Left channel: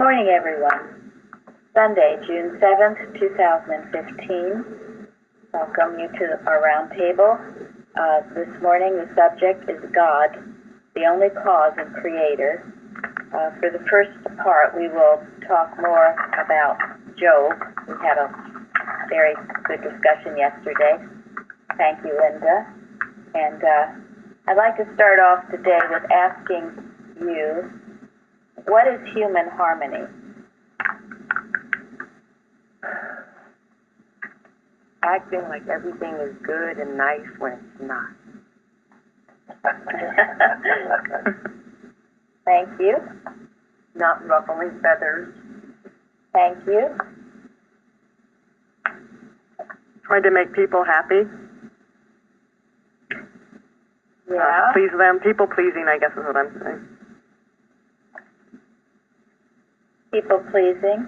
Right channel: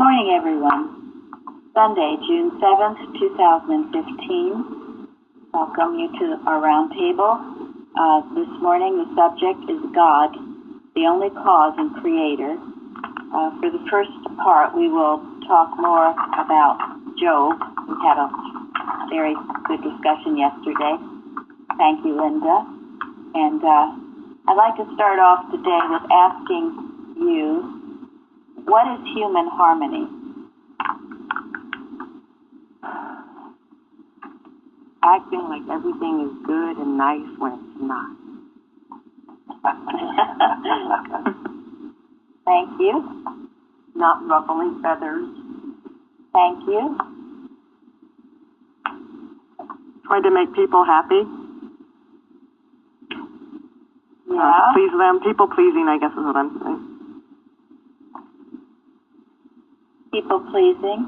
Morning, everyone. Sunday, June 7th, 2015. Welcome you to our roundtable. This morning, the subject is God, the only cause and creator. For the first part, we will talk more about Job. We had a very good discussion yesterday. Thank you, Linda. And I'd like to start off today with asking you, what is human harmony? Acting like everything is good and nice when it's not. Thank you. Not ruffling feathers. Thank you. Trying to make people happy. Yeah. Please them. People pleasing, I guess is what I'm saying. People pleasing.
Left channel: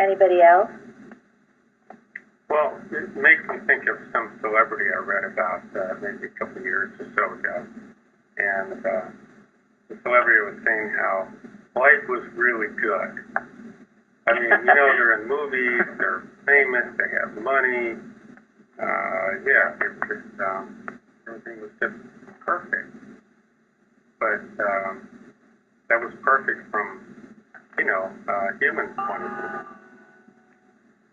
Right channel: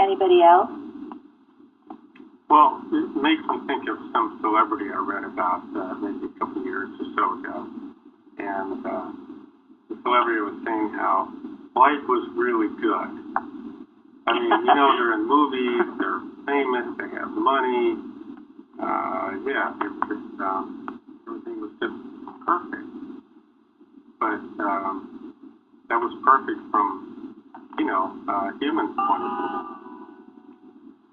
Anybody else? Well, it makes me think of some celebrity I read about maybe a couple of years or so ago. And the celebrity was saying how life was really good. I mean, you know, they're in movies, they're famous, they have money. Everything was just perfect. But that was perfect from, human point of view.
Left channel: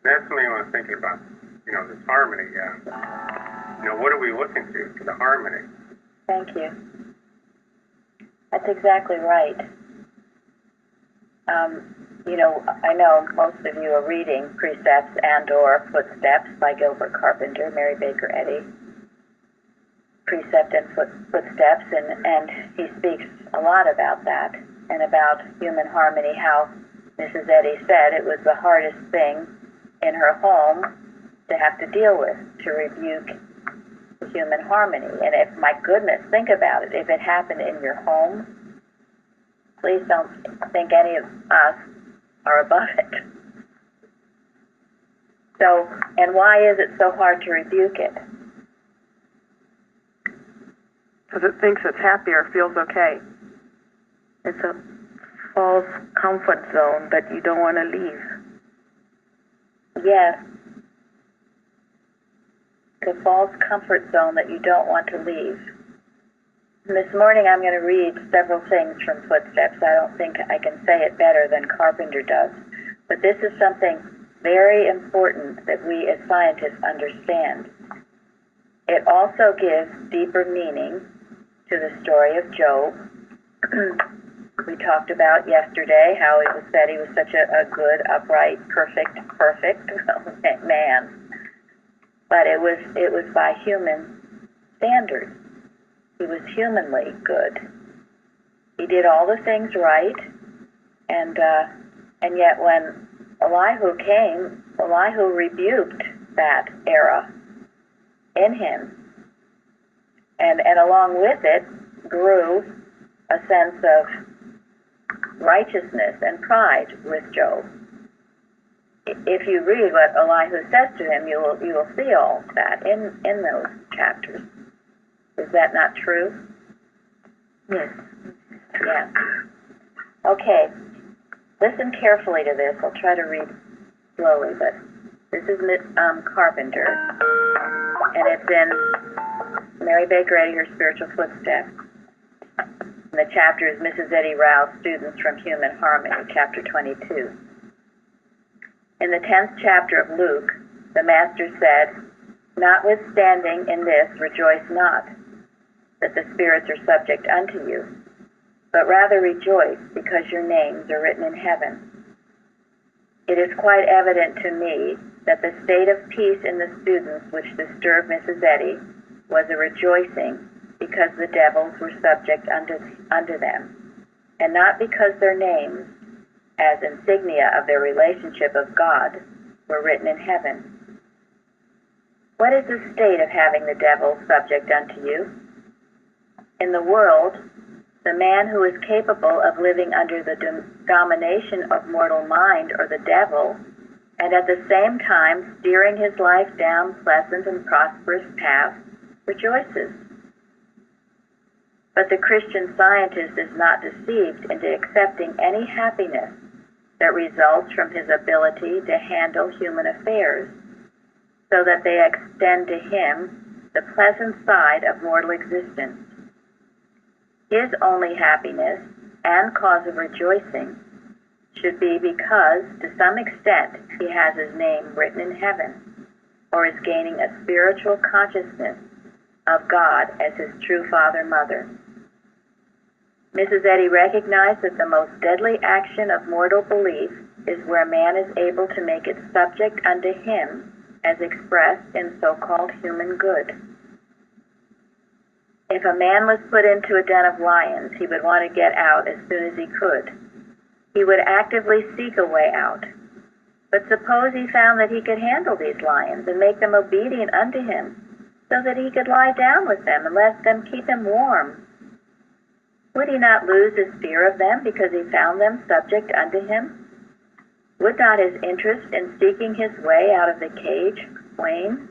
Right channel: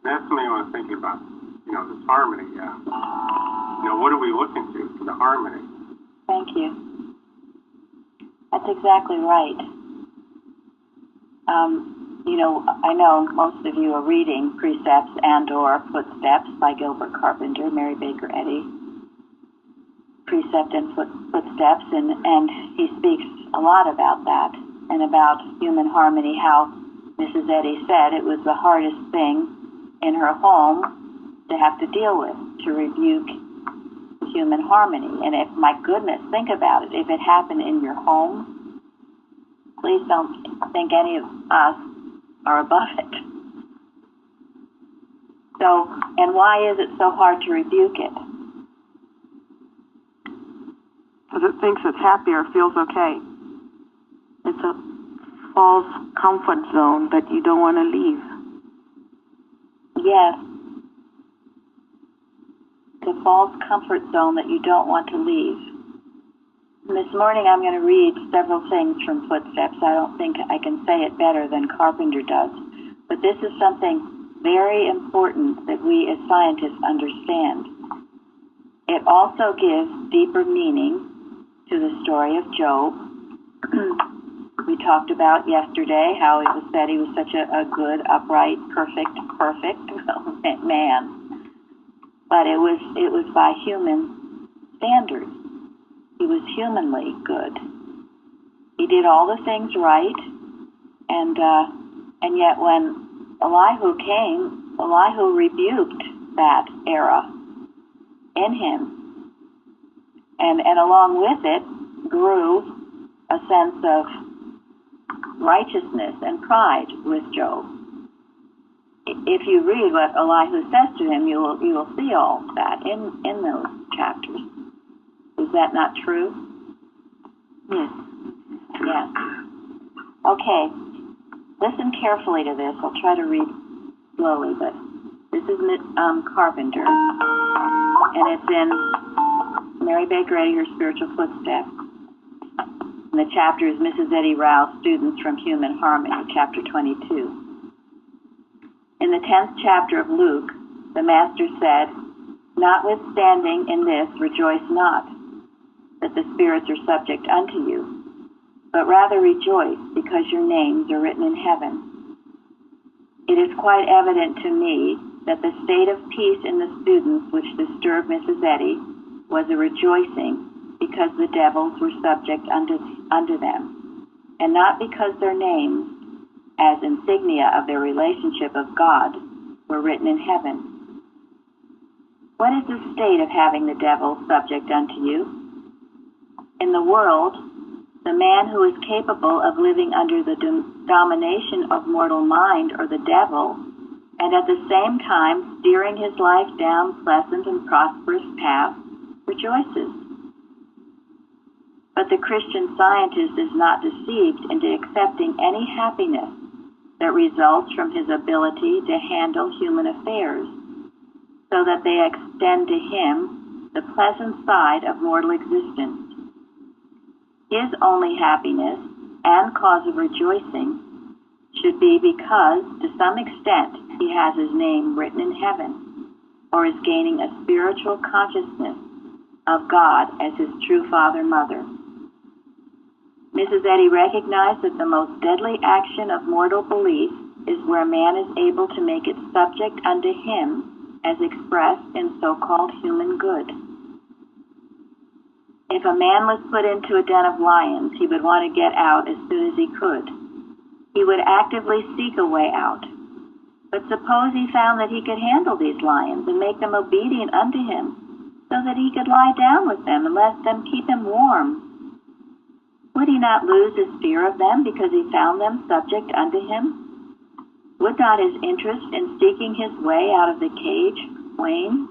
That's something I was thinking about, this harmony. What are we looking to for the harmony? Thank you. That's exactly right. I know most of you are reading Precepts and/or Footsteps by Gilbert Carpenter, Mary Baker Eddy. Precept and Footsteps, and he speaks a lot about that and about human harmony, how Mrs. Eddy said it was the hardest thing in her home to have to deal with, to rebuke human harmony. And if, my goodness, think about it, if it happened in your home, please don't think any of us are above it. So, and why is it so hard to rebuke it? Because it thinks it's happy or feels okay. It's a false comfort zone that you don't want to leave. Yes. The false comfort zone that you don't want to leave. And this morning I'm going to read several things from Footsteps. I don't think I can say it better than Carpenter does. But this is something very important that we as scientists understand. It also gives deeper meaning to the story of Job. We talked about yesterday how it was said he was such a good, upright, perfect man. But it was by human standards. He was humanly good. He did all the things right, and yet when Elihu came, Elihu rebuked that error in him. And along with it grew a sense of righteousness and pride with Job. If you read what Elihu says to him, you will see all that in those chapters. Is that not true? Yes. Yeah. Okay. Listen carefully to this. I'll try to read slowly, but this is Carpenter, and it's in Mary Baker Eddy, Her Spiritual Footsteps. And the chapter is Mrs. Eddy Rowe's Students from Human Harmony, chapter 22. In the 10th chapter of Luke, the Master said, "Notwithstanding in this rejoice not, that the spirits are subject unto you, but rather rejoice because your names are written in heaven. It is quite evident to me that the state of peace in the students which disturbed Mrs. Eddy was a rejoicing because the devils were subject unto them, and not because their names, as insignia of their relationship of God, were written in heaven. What is the state of having the devil subject unto you? In the world, the man who is capable of living under the domination of mortal mind or the devil, and at the same time steering his life down pleasant and prosperous paths, rejoices. But the Christian Scientist is not deceived into accepting any happiness that results from his ability to handle human affairs, so that they extend to him the pleasant side of mortal existence. His only happiness and cause of rejoicing should be because, to some extent, he has his name written in heaven, or is gaining a spiritual consciousness of God as his true father-mother. Mrs. Eddy recognized that the most deadly action of mortal belief is where man is able to make it subject unto him as expressed in so-called human good. If a man was put into a den of lions, he would want to get out as soon as he could. He would actively seek a way out. But suppose he found that he could handle these lions and make them obedient unto him, so that he could lie down with them and let them keep him warm. Would he not lose his fear of them because he found them subject unto him? Would not his interest in seeking his way out of the cage wane?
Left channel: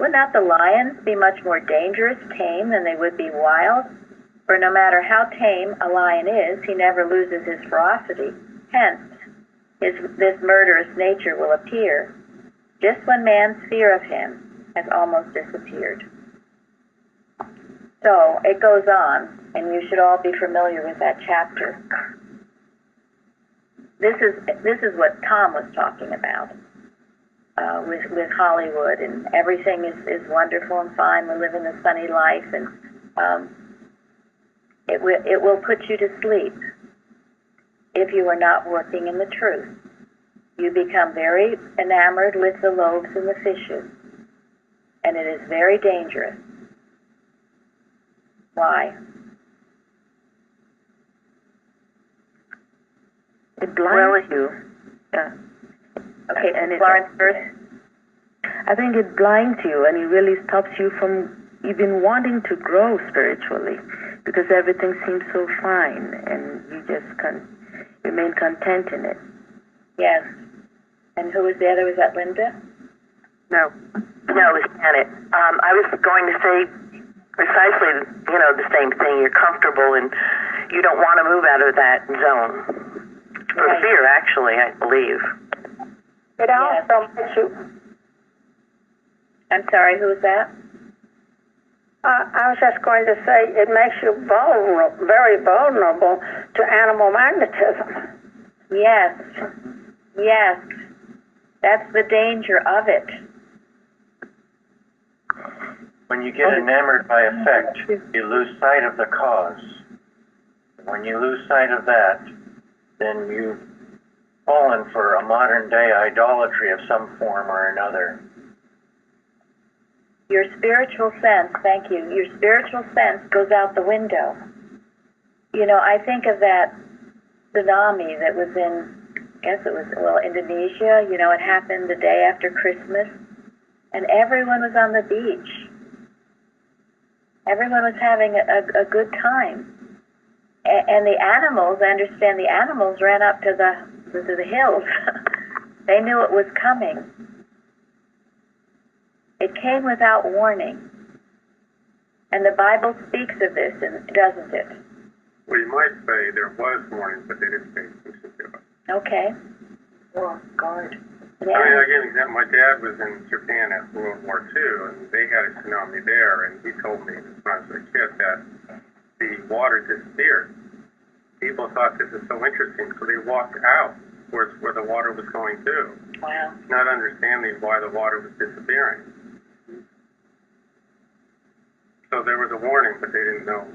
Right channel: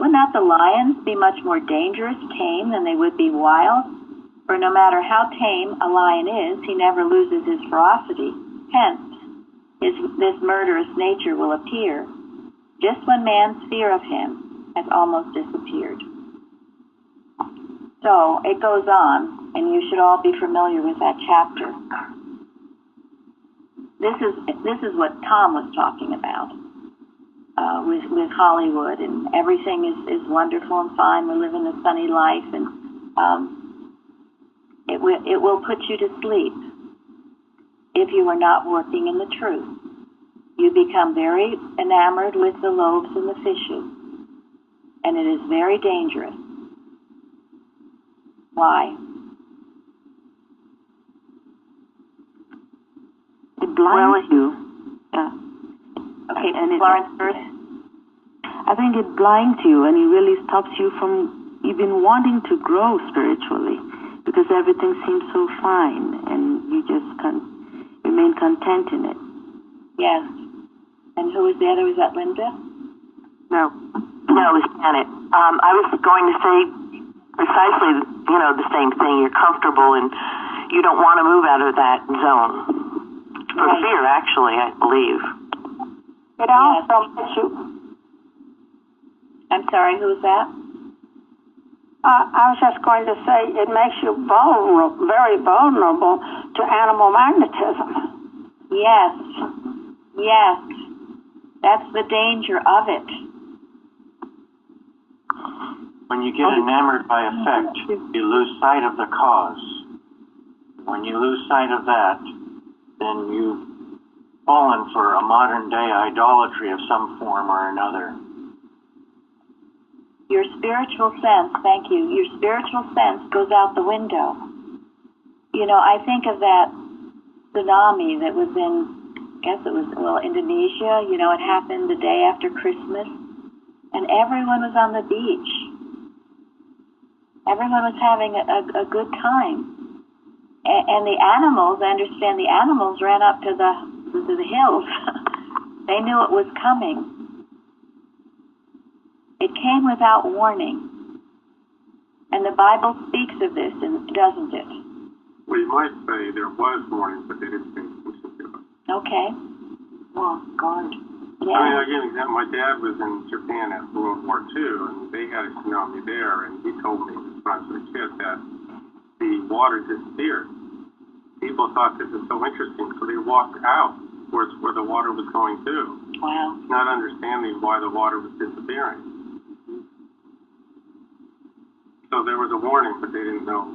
Would not the lions be much more dangerous tame than they would be wild? For no matter how tame a lion is, he never loses his ferocity. Hence, this murderous nature will appear just when man's fear of him has almost disappeared. So it goes on, and you should all be familiar with that chapter. This is what Tom was talking about with Hollywood, and everything is wonderful and fine. We're living a sunny life, and it will put you to sleep if you are not working in the truth. You become very enamored with the loaves and the fishes, and it is very dangerous. Why? It blinds you. Yeah. Okay, and Florence first. I think it blinds you, and it really stops you from even wanting to grow spiritually, because everything seems so fine, and you just remain content in it. Yes. And who was the other? Was that Linda? No, it was Janet. I was going to say precisely, the same thing. You're comfortable, and you don't want to move out of that zone. For Right. fear, actually, I believe. It also makes you. I'm sorry, who was that? I was just going to say it makes you vulnerable, very vulnerable to animal magnetism. Yes. Yes. That's the danger of it. When you get enamored by effect, you lose sight of the cause. When you lose sight of that, then you've fallen for a modern-day idolatry of some form or another. Your spiritual sense, thank you, your spiritual sense goes out the window. I think of that tsunami that was in, I guess it was, Indonesia. It happened the day after Christmas, and everyone was on the beach. Everyone was having a good time. And the animals, I understand the animals ran up to the hills. They knew it was coming. It came without warning. And the Bible speaks of this, doesn't it? Well, you might say there was warning, but they didn't pay attention to it. Okay. Well, God. Yeah. I mean, I'll give you an example. My dad was in Japan after World War II, and they had a tsunami there, and he told me when I was a kid that the water disappeared. People thought this is so interesting, so they walked out towards where the water was going to, Wow. not understanding why the water was disappearing. So there was a warning, but they didn't know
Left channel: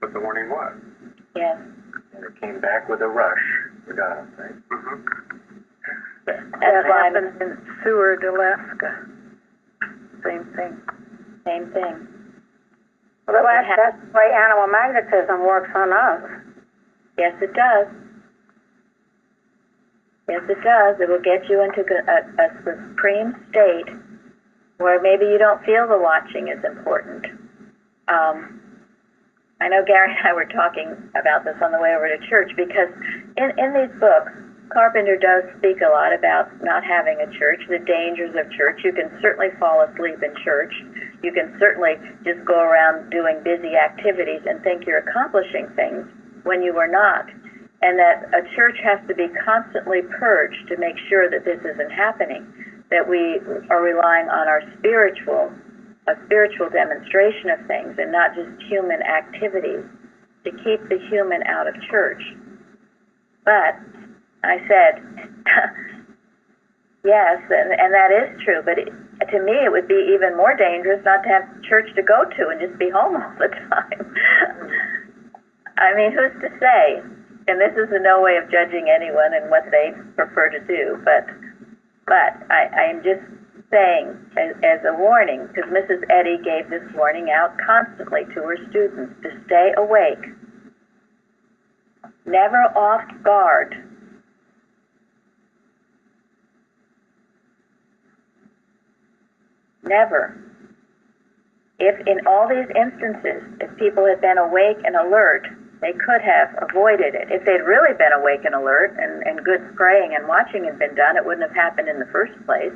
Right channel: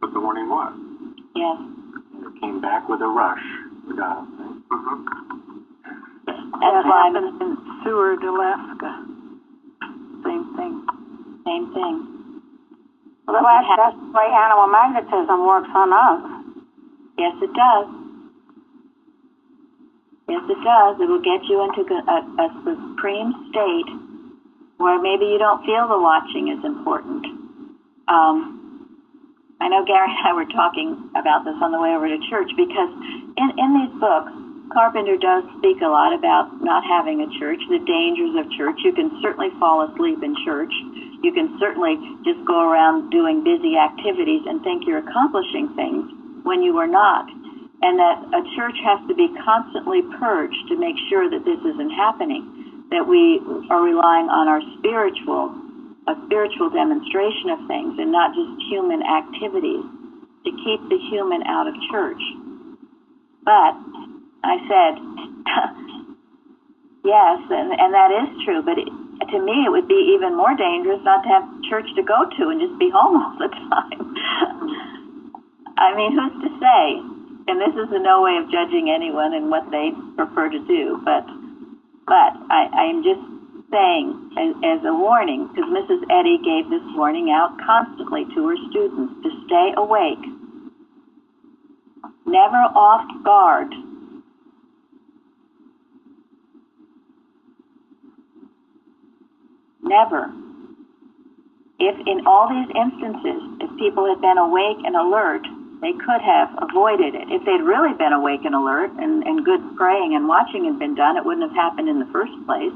what the warning was. Yes. And it came back with a rush. You got it, right? Mm-hmm. That's why happened in Seward, Alaska. Same thing. Same thing. Well, that's the way animal magnetism works on us. Yes, it does. Yes, it does. It will get you into a supreme state where maybe you don't feel the watching is important. I know Gary and I were talking about this on the way over to church, because in these books, Carpenter does speak a lot about not having a church, the dangers of church. You can certainly fall asleep in church. You can certainly just go around doing busy activities and think you're accomplishing things when you are not. And that a church has to be constantly purged to make sure that this isn't happening, that we are relying on a spiritual demonstration of things and not just human activities to keep the human out of church. But I said, yes, and that is true, but to me it would be even more dangerous not to have church to go to and just be home all the time. I mean, who's to say? And this is in no way of judging anyone and what they prefer to do, but I am just saying as a warning, because Mrs. Eddy gave this warning out constantly to her students, to stay awake, never off guard. Never. If in all these instances, if people had been awake and alert, they could have avoided it. If they'd really been awake and alert and good praying and watching had been done, it wouldn't have happened in the first place.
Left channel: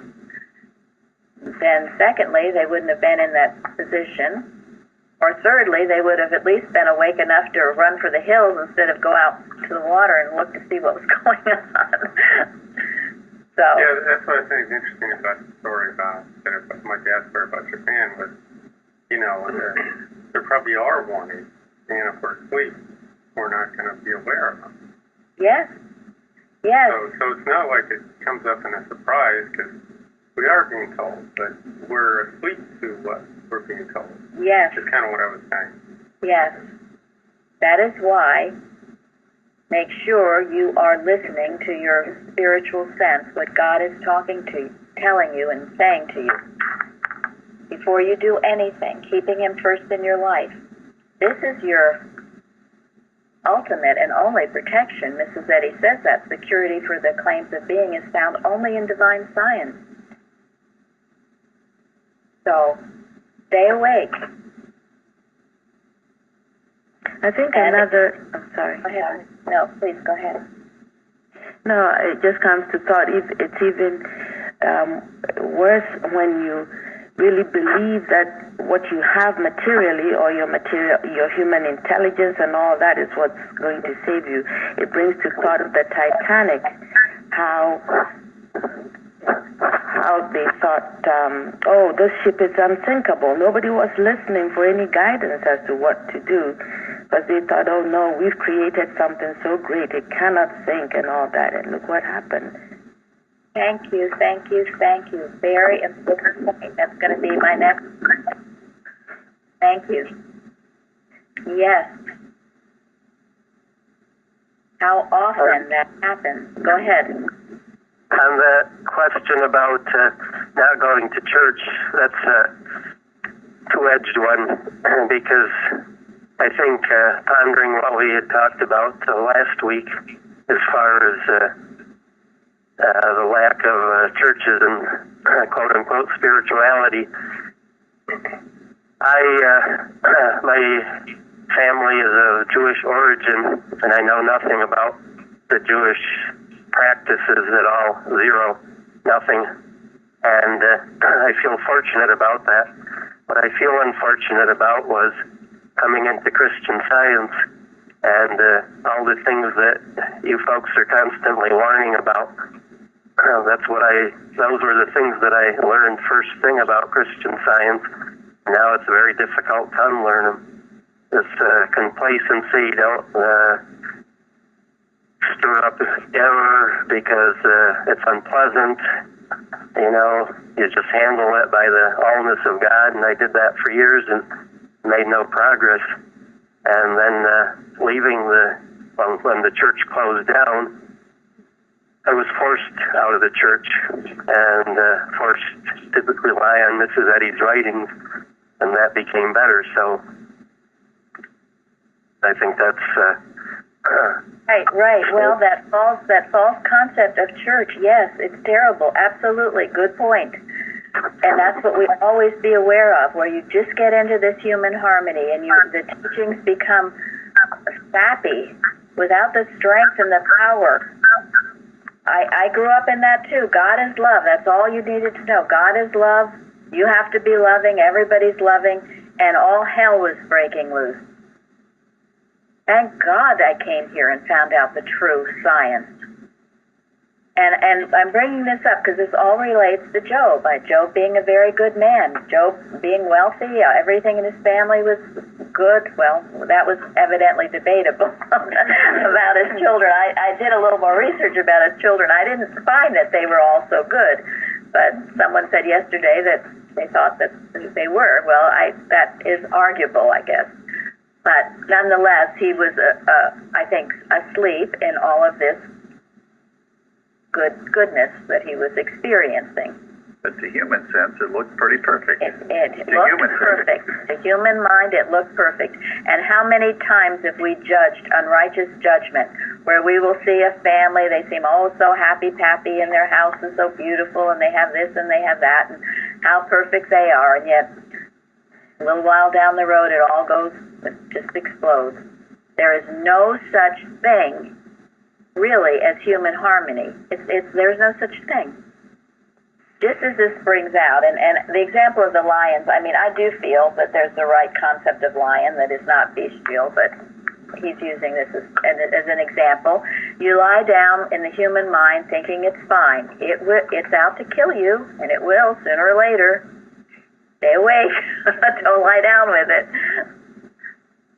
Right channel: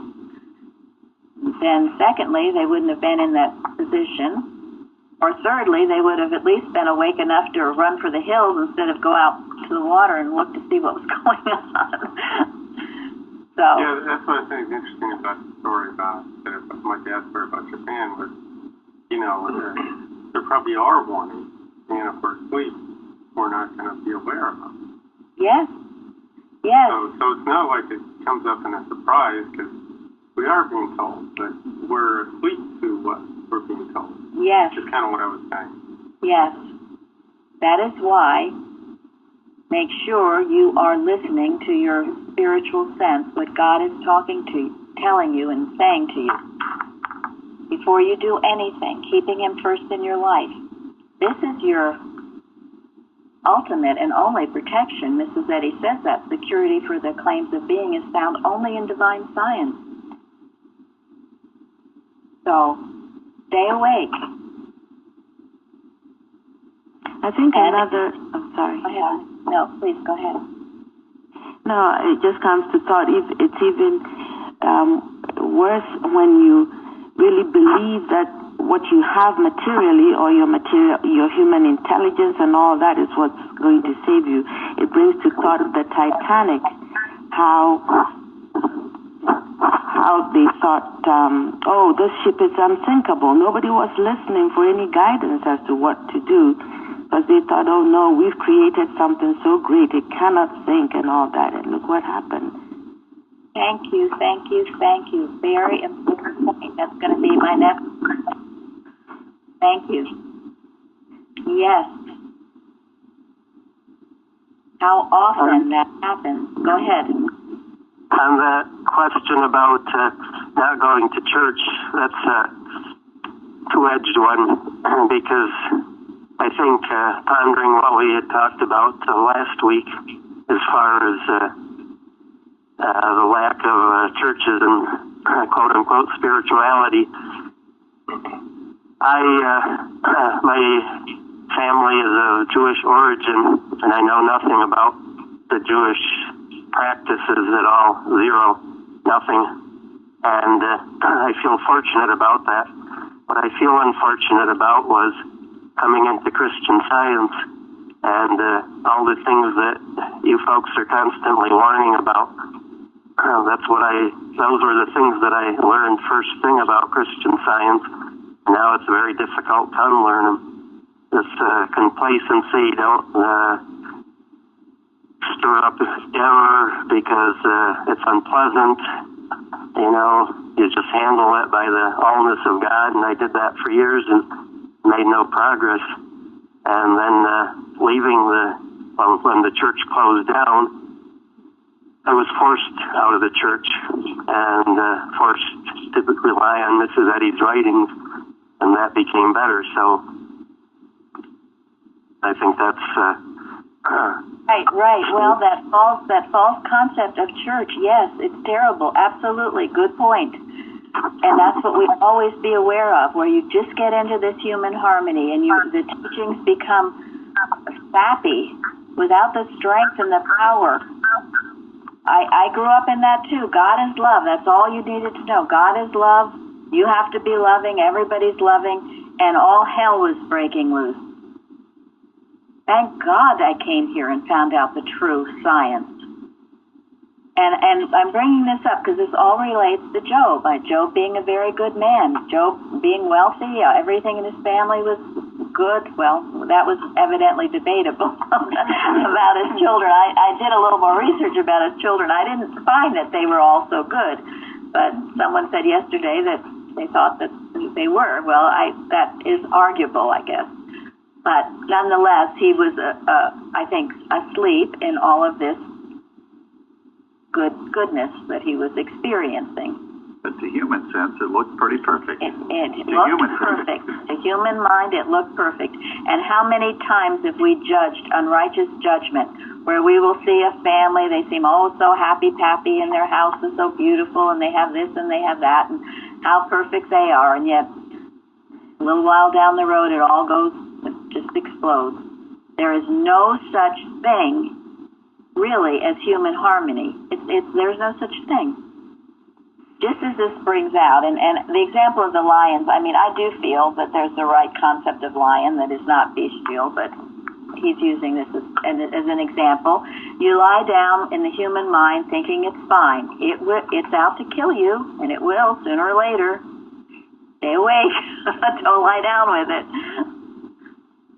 Then secondly, they wouldn't have been in that position. Or thirdly, they would have at least been awake enough to run for the hills instead of go out to the water and look to see what was going on. So yeah, that's what I think is interesting about the story about my dad's story about Japan was, you know, there probably are warnings, and if we're asleep, we're not going to be aware of them. yes, yes, So it's not like it comes up in a surprise because we are being told, but we're asleep to what we're being told. yes, That's kind of what I was saying. yes. That is why make sure you are listening to your spiritual sense, what God is talking to you, telling you and saying to you. Before you do anything, keeping Him first in your life. This is your ultimate and only protection. Mrs. Eddy says that security for the claims of being is found only in divine science. So, stay awake. I think another... I'm sorry. Go ahead. No, please, go ahead. No, it just comes to thought. It's even worse when you really believe that what you have materially or your human intelligence and all that is what's going to save you. It brings to thought of the Titanic, how they thought, this ship is unsinkable. Nobody was listening for any guidance as to what to do, because they thought, oh no, we've created something so great, it cannot sink and all that. And look what happened. Thank you, thank you, thank you. Very important point. That's going to be my next point. Thank you. Yes. How often that happens. Go ahead. On the question about not going to church, that's a two-edged one, because I think pondering what we had talked about last week as far as the lack of churches and quote-unquote spirituality, my family is of Jewish origin, and I know nothing about the Jewish practices at all, zero, nothing. And I feel fortunate about that. What I feel unfortunate about was coming into Christian Science and all the things that you folks are constantly warning about. Those were the things that I learned first thing about Christian Science. Now it's very difficult to unlearn them. This complacency, don't stir up error because it's unpleasant. You know, you just handle it by the allness of God, and I did that for years and made no progress. And then when the church closed down, I was forced out of the church and forced to rely on Mrs. Eddy's writings, and that became better. So I think that's Right. Well, that false concept of church, yes, it's terrible. Absolutely, good point. And that's what we always be aware of, where you just get into this human harmony and the teachings become sappy without the strength and the power I grew up in that too. God is love. That's all you needed to know. God is love. You have to be loving. Everybody's loving. And all hell was breaking loose. Thank God I came here and found out the true science. And I'm bringing this up because this all relates to Job. Job being a very good man. Job being wealthy. Everything in his family was good. Well, that was evidently debatable about his children. I did a little more research about his children. I didn't find that they were all so good. But someone said yesterday that they thought that they were. Well, that is arguable, I guess. But nonetheless, he was, I think, asleep in all of this goodness that he was experiencing. But to human sense, it looked pretty perfect. It looked perfect. To human mind, it looked perfect. And how many times have we judged unrighteous judgment, where we will see a family, they seem so happy-pappy, and their house is so beautiful, and they have this and they have that, and how perfect they are, and yet a little while down the road, it all it just explodes. There is no such thing really as human harmony. There's no such thing. Just as this brings out, and the example of the lions, I mean, I do feel that there's the right concept of lion that is not bestial, but he's using this as an example. You lie down in the human mind thinking it's fine. It's out to kill you, and it will sooner or later. Stay awake. Don't lie down with it.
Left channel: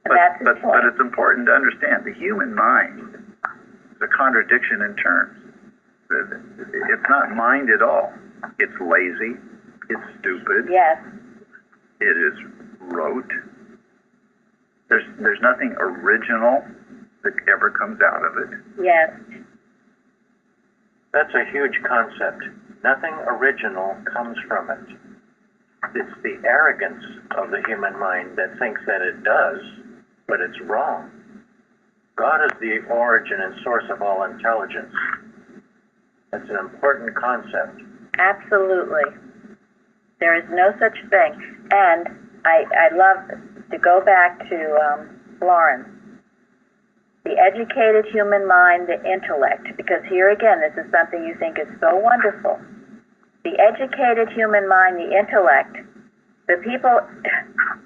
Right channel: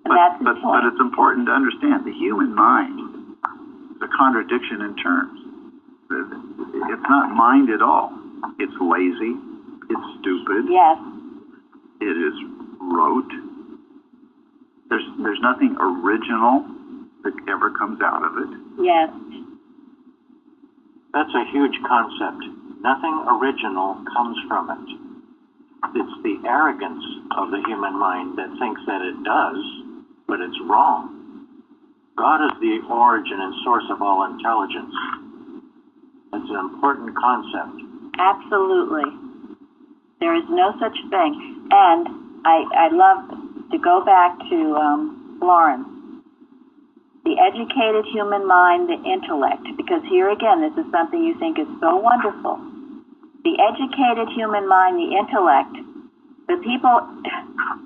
But it's important to understand the human mind is a contradiction in terms. It's not mind at all. It's lazy. It's stupid. Yes. It is rote. There's nothing original that ever comes out of it. Yes. That's a huge concept. Nothing original comes from it. It's the arrogance of the human mind that thinks that it does, but it's wrong. God is the origin and source of all intelligence. That's an important concept. Absolutely. There is no such thing. And I love to go back to Florence. The educated human mind, the intellect, because here again, this is something you think is so wonderful. The educated human mind, the intellect, the people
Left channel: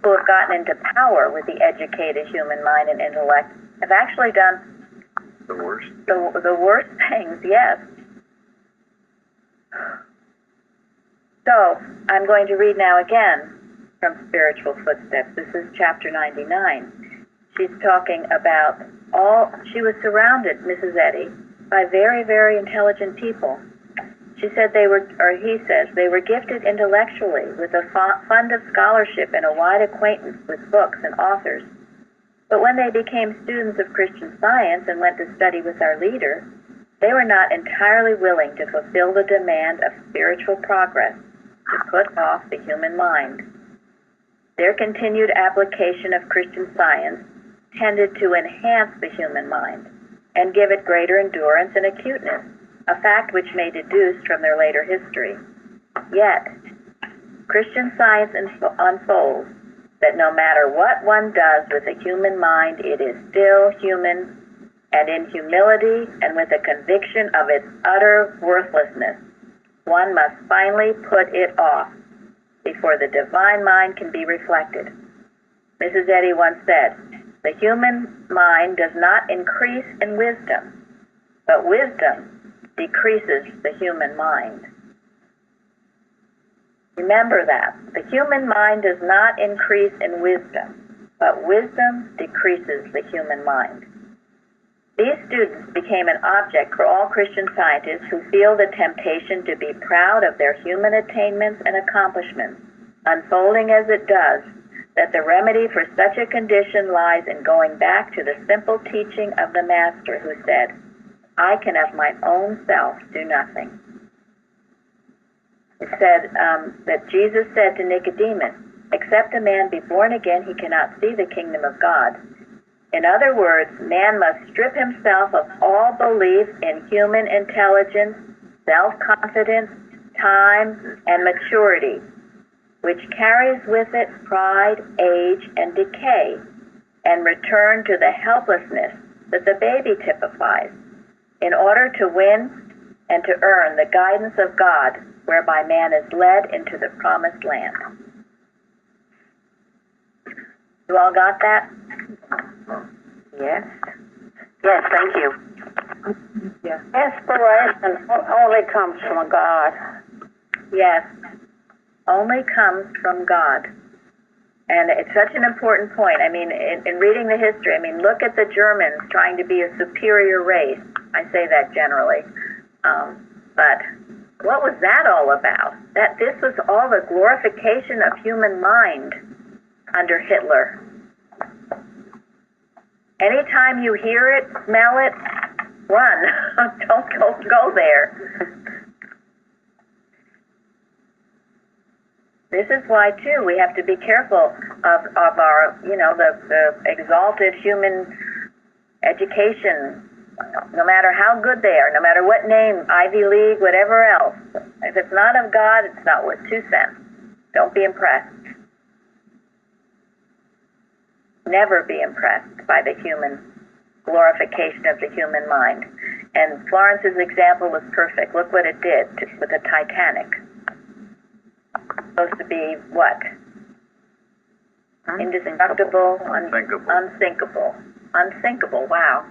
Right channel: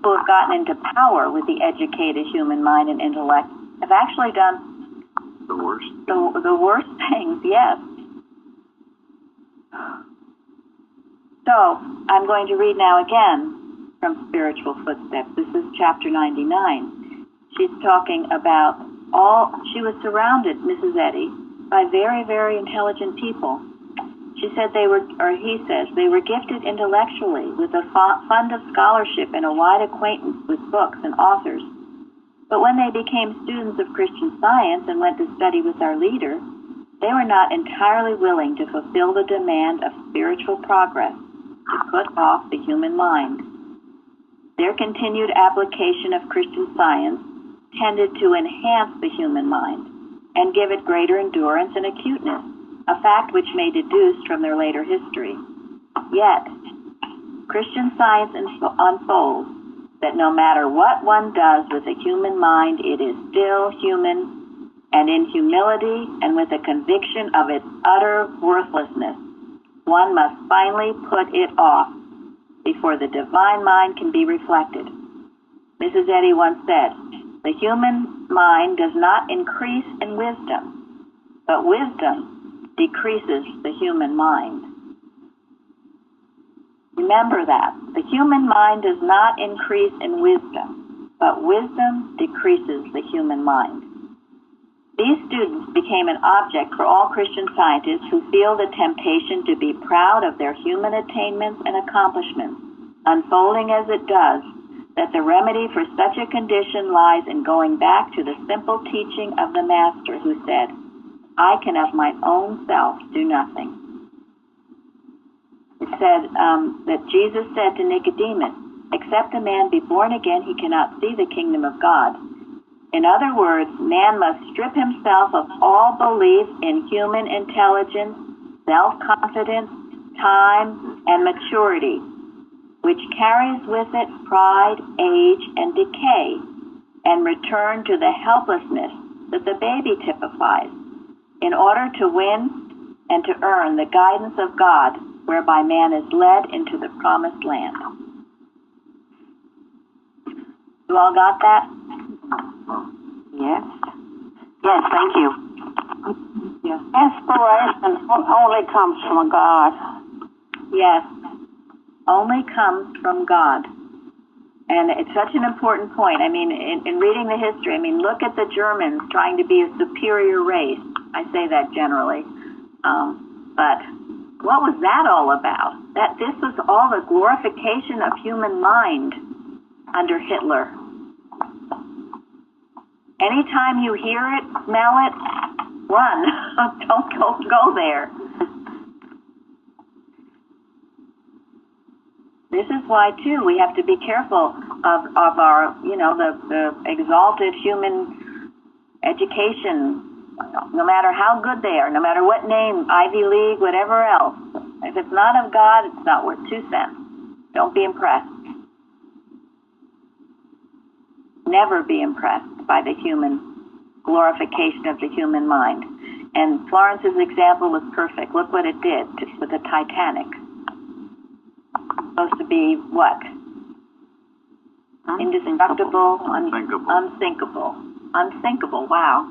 who have gotten into power with the educated human mind and intellect have actually done the worst. The worst things, yes. So, I'm going to read now again from Spiritual Footsteps. This is chapter 99. She's talking about she was surrounded, Mrs. Eddy, by very, very intelligent people. She said he says, they were gifted intellectually with a fund of scholarship and a wide acquaintance with books and authors. But when they became students of Christian Science and went to study with our leader, they were not entirely willing to fulfill the demand of spiritual progress, to put off the human mind. Their continued application of Christian Science tended to enhance the human mind and give it greater endurance and acuteness, a fact which may be deduced from their later history. Yet, Christian Science unfolds that no matter what one does with the human mind, it is still human, and in humility and with a conviction of its utter worthlessness, one must finally put it off before the divine mind can be reflected. Mrs. Eddy once said, the human mind does not increase in wisdom, but wisdom decreases the human mind. Remember that. The human mind does not increase in wisdom, but wisdom decreases the human mind. These students became an object for all Christian scientists who feel the temptation to be proud of their human attainments and accomplishments, unfolding as it does that the remedy for such a condition lies in going back to the simple teaching of the Master who said, I can of my own self do nothing. It said that Jesus said to Nicodemus, except a man be born again, he cannot see the kingdom of God. In other words, man must strip himself of all belief in human intelligence, self-confidence, time, and maturity, which carries with it pride, age, and decay, and return to the helplessness that the baby typifies. In order to win and to earn the guidance of God, whereby man is led into the promised land. You all got that? Yes. Yes, thank you. Yeah. Inspiration only comes from God. Yes. Only comes from God. And it's such an important point. I mean, in reading the history, I mean, look at the Germans trying to be a superior race. I say that generally. But what was that all about? That this was all the glorification of human mind under Hitler. Anytime you hear it, smell it, run. Don't go there. This is why, too, we have to be careful of our, the exalted human education, no matter how good they are, no matter what name, Ivy League, whatever else. If it's not of God, it's not worth 2 cents. Don't be impressed. Never be impressed by the human glorification of the human mind. And Florence's example was perfect. Look what it did with the Titanic. Supposed to be what? Indestructible, Unsinkable. Unsinkable, wow.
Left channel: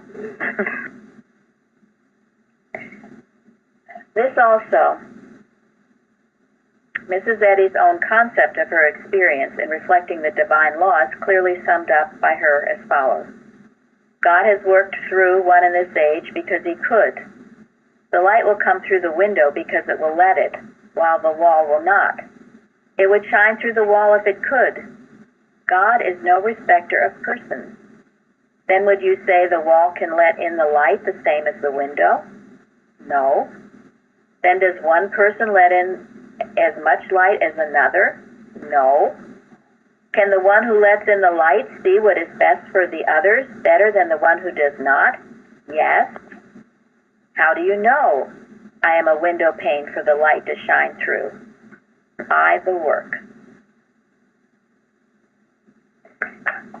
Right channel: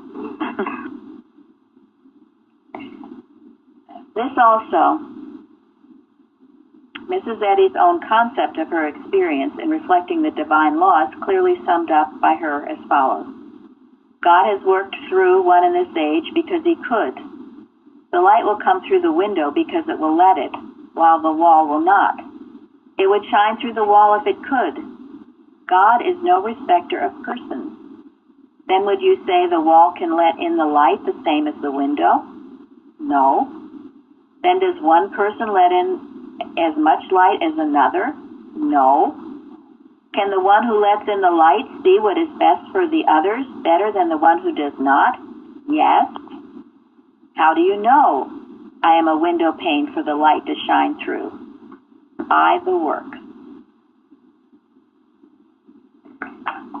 This also, Mrs. Eddy's own concept of her experience in reflecting the divine laws clearly summed up by her as follows. God has worked through one in this age because he could. The light will come through the window because it will let it, while the wall will not. It would shine through the wall if it could. God is no respecter of persons. Then would you say the wall can let in the light the same as the window? No. Then does one person let in as much light as another? No. Can the one who lets in the light see what is best for the others better than the one who does not? Yes. How do you know? I am a window pane for the light to shine through. By the work.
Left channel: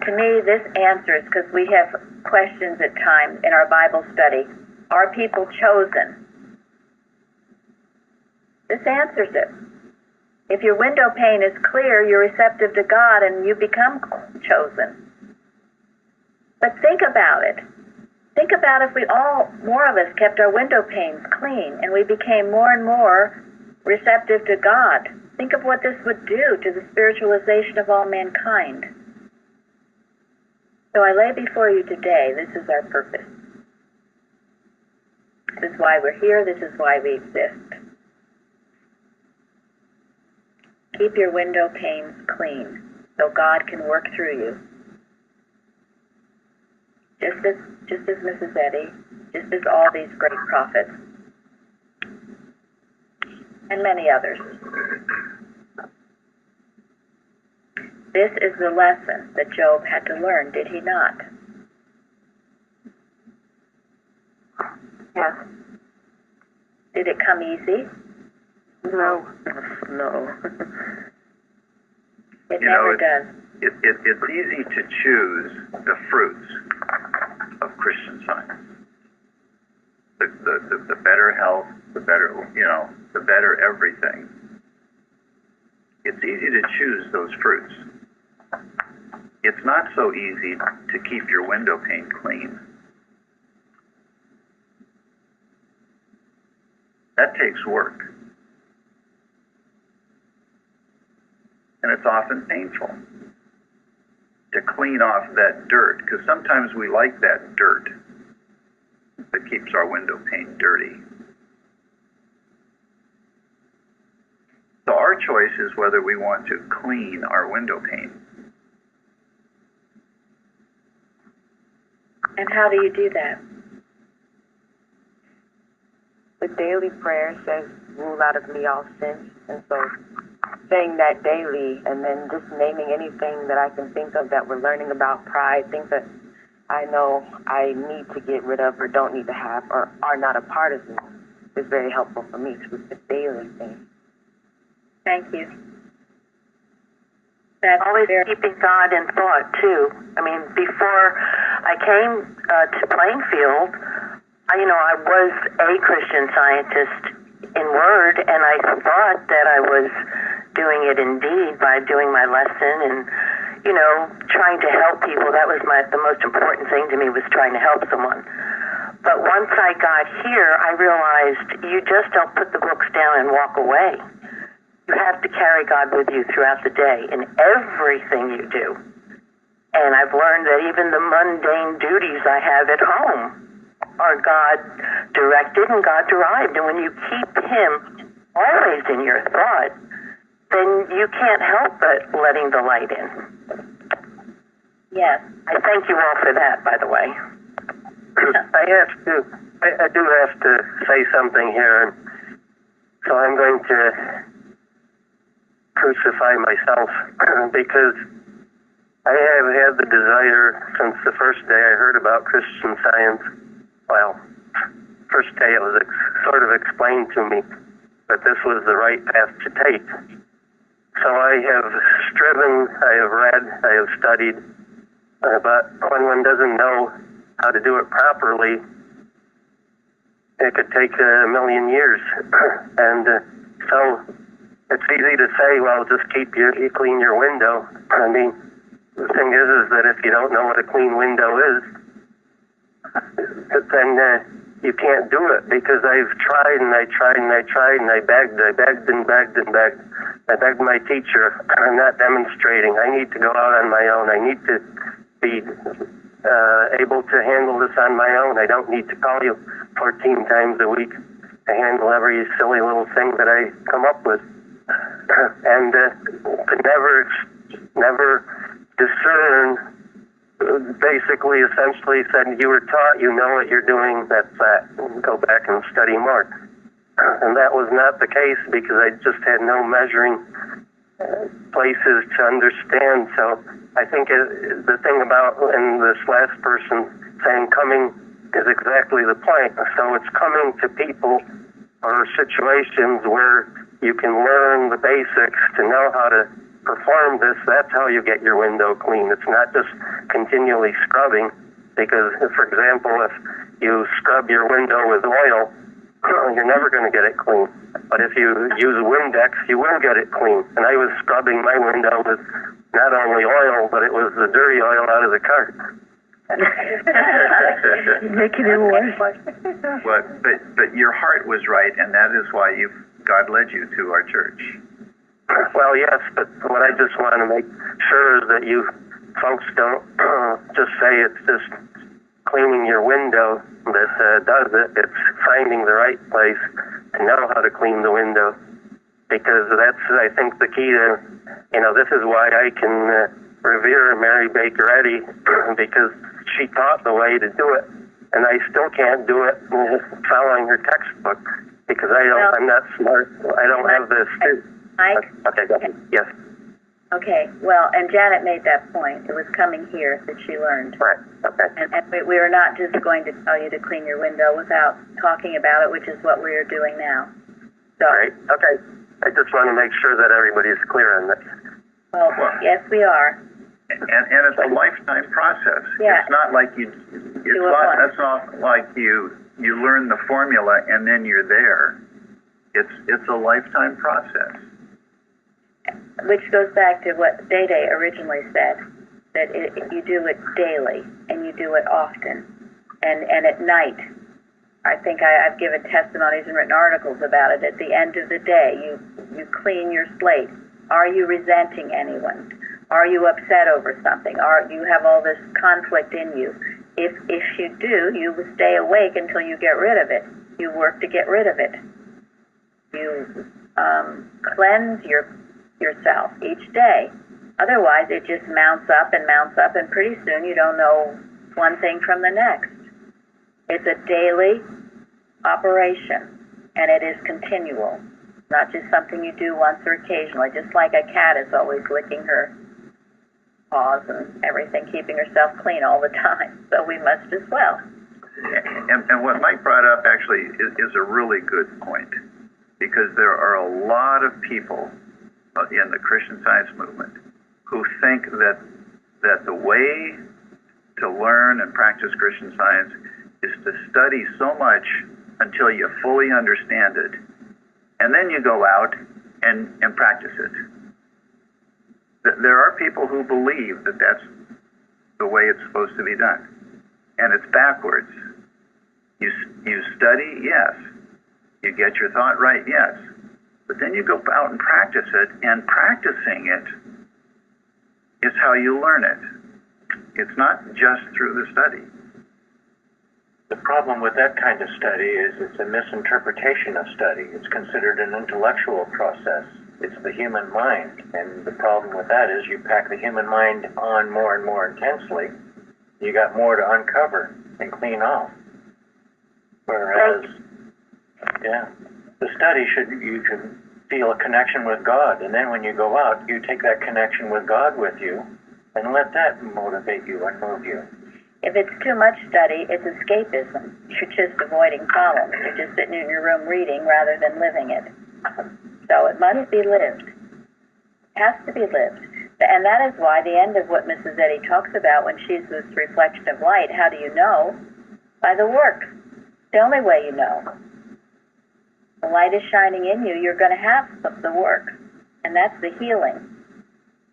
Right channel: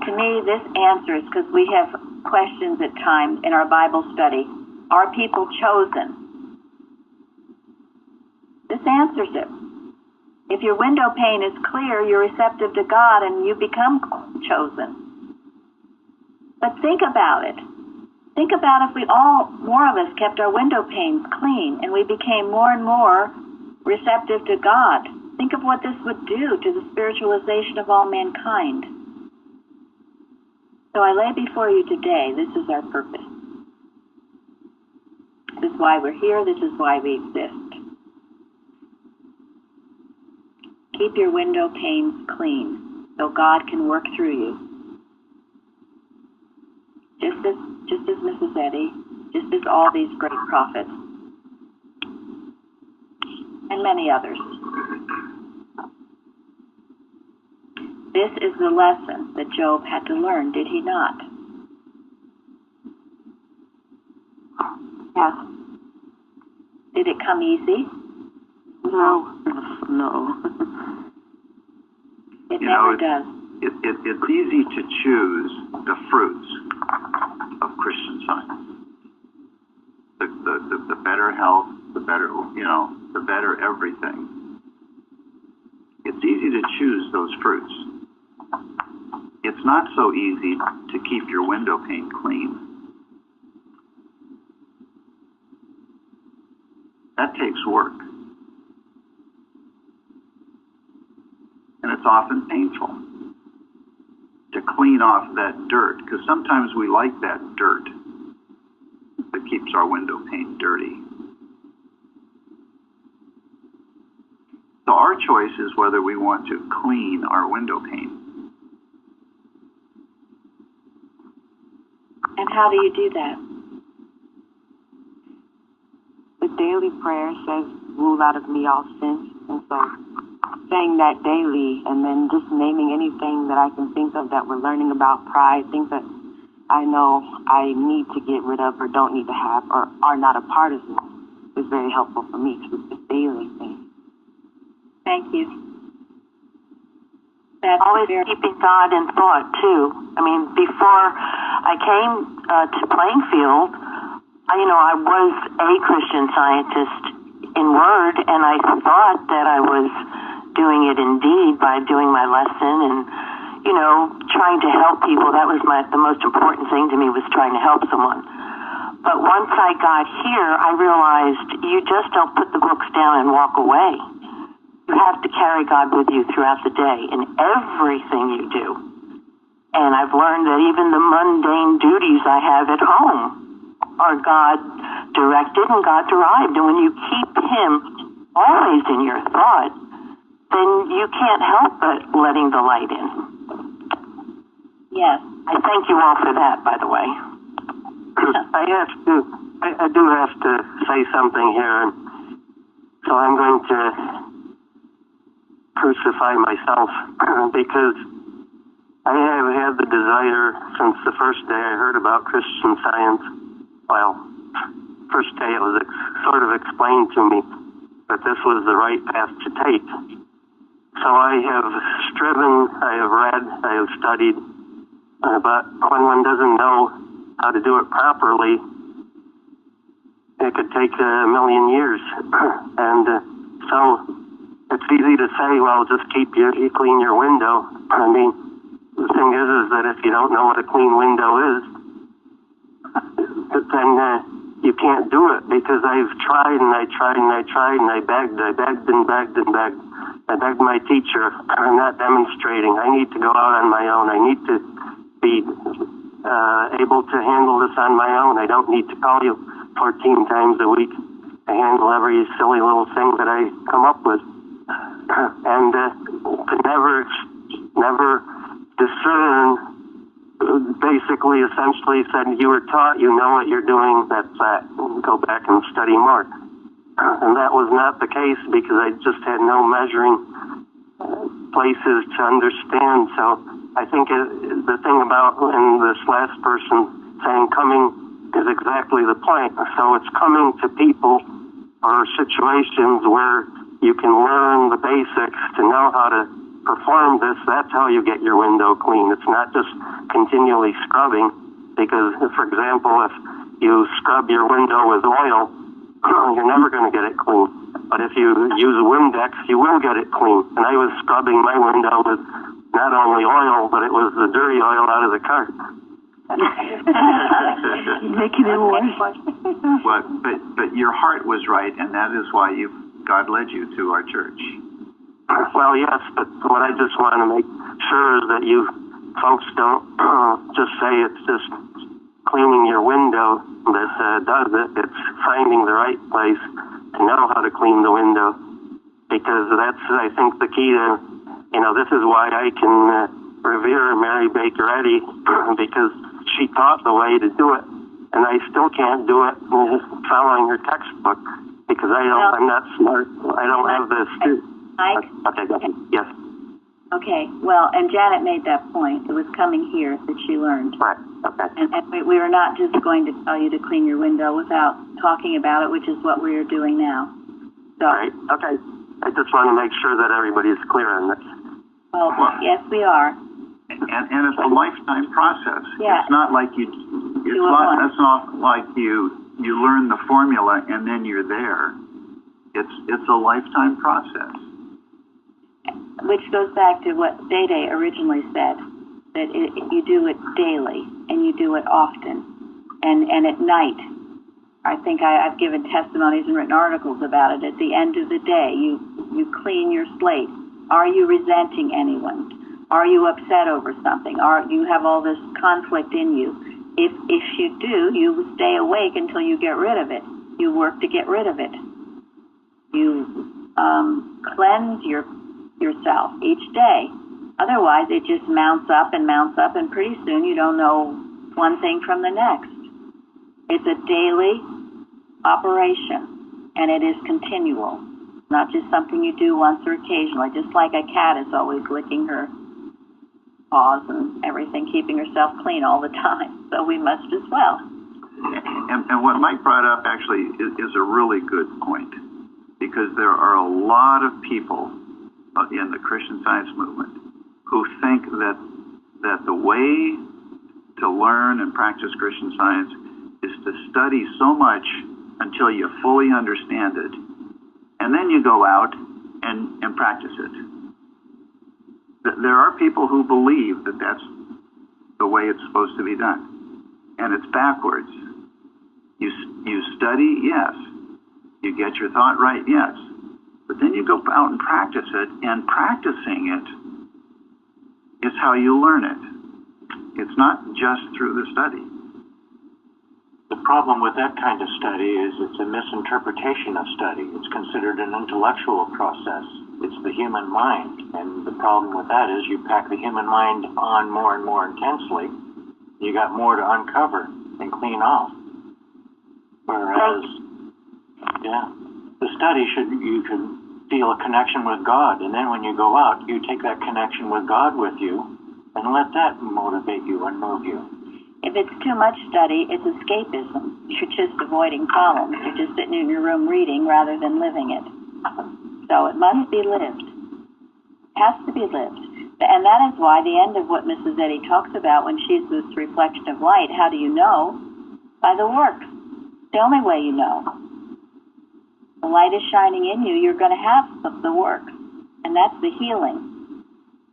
To me, this answers, because we have questions at times in our Bible study. Are people chosen? This answers it. If your window pane is clear, you're receptive to God and you become chosen. But think about it. Think about if more of us kept our window panes clean and we became more and more receptive to God. Think of what this would do to the spiritualization of all mankind. So I lay before you today, this is our purpose. This is why we're here. This is why we exist. Keep your window panes clean so God can work through you. Just as Mrs. Eddy, just as all these great prophets, and many others. This is the lesson that Job had to learn, did he not? Yes. Did it come easy? No. No. It never does. It's easy to choose the fruits of Christian Science. The better health, the better, the better everything. It's easy to choose those fruits. It's not so easy to keep your window pane clean. That takes work. And it's often painful to clean off that dirt, because sometimes we like that dirt that keeps our window pane dirty. So our choice is whether we want to clean our window pane. And how do you do that? The daily prayer says, rule out of me all sins. And so saying that daily and then just naming anything that I can think of that we're learning about pride, things that I know I need to get rid of or don't need to have or are not a part of me, is very helpful for me because it's a daily thing. Thank you. That's Always keeping God in thought, too. I mean, before I came to playing field, I was a Christian Scientist in word, and I thought that I was doing it in deed by doing my lesson and, trying to help people. That was the most important thing to me, was trying to help someone. But once I got here, I realized you just don't put the books down and walk away. You have to carry God with you throughout the day in everything you do. And I've learned that even the mundane duties I have at home are God-directed and God-derived. And when you keep Him always in your thought, then you can't help but letting the light in. Yes. I thank you all for that, by the way. I do have to say something here. So I'm going to crucify myself because I have had the desire since the first day I heard about Christian Science. Well, first day it was sort of explained to me that this was the right path to take. So I have striven, I have read, I have studied, but when one doesn't know how to do it properly, it could take a million years. And so it's easy to say, well, just you clean your window. I mean, the thing is that if you don't know what a clean window is, then you can't do it, because I've tried and I tried and I tried and I begged and begged and begged. I begged my teacher, I'm not demonstrating. I need to go out on my own. I need to be able to handle this on my own. I don't need to call you 14 times a week to handle every silly little thing that I come up with. And could never discern, basically, essentially said, you were taught, you know what you're doing, that's that. Go back and study more. And that was not the case, because I just had no measuring places to understand. So I think the thing about, and this last person saying coming is exactly the point. So it's coming to people or situations where you can learn the basics to know how to perform this. That's how you get your window clean. It's not just continually scrubbing, because, for example, if you scrub your window with oil, you're never going to get it clean. But if you use Windex, you will get it clean. And I was scrubbing my window with not only oil, but it was the dirty oil out of the car. Making it worse. But your heart was right, and that is why God led you to our church. Well, yes, but what I just want to make sure is that you folks don't just say it's just cleaning your window that does it. It's finding the right place to know how to clean the window, because that's, I think, the key to, this is why I can revere Mary Baker Eddy, because she taught the way to do it, and I still can't do it following her textbook, because I'm not smart. I don't have this. Mike? Okay, go ahead. Yes. Okay, well, and Janet made that point. It was coming here that she learned. Right, okay. And we are not just going to tell you to clean your window without talking about it, which is what we are doing now. So, all right, okay. I just want to make sure that everybody's clear on this. Well, yes, we are. And it's a lifetime process. Yeah. It's not like that's not like you learn the formula and then you're there. It's a lifetime process. Which goes back to what Day originally said, that you do it daily and you do it often, and at night. I think I've given testimonies and written articles about it. At the end of the day, you clean your slate. Are you resenting anyone? Are you upset over something? You have all this conflict in you? If you do, you will stay awake until you get rid of it. You work to get rid of it. You cleanse yourself each day. Otherwise, it just mounts up, and pretty soon you don't know one thing from the next. It's a daily operation, and it is continual, not just something you do once or occasionally, just like a cat is always licking her paws and everything, keeping herself clean all the time. So we must as well. And what Mike brought up actually is a really good point, because there are a lot of people in the Christian Science movement who think that the way to learn and practice Christian Science is to study so much until you fully understand it, and then you go out and practice it. There are people who believe that that's the way it's supposed to be done, and it's backwards. You study, yes. You get your thought right, yes. But then you go out and practice it, and practicing it is how you learn it. It's not just through the study. The problem with that kind of study is it's a misinterpretation of study. It's considered an intellectual process. It's the human mind. And the problem with that is you pack the human mind on more and more intensely. You got more to uncover and clean off. Whereas, the study you can feel a connection with God. And then when you go out, you take that connection with God with you and let that motivate you and move you. If it's too much study, it's escapism. You're just avoiding problems. You're just sitting in your room reading rather than living it. So it must be lived. It has to be lived. And that is why the end of what Mrs. Eddy talks about when she's this reflection of light, how do you know? By the work. The only way you know. The light is shining in you, you're going to have the work. And that's the healing.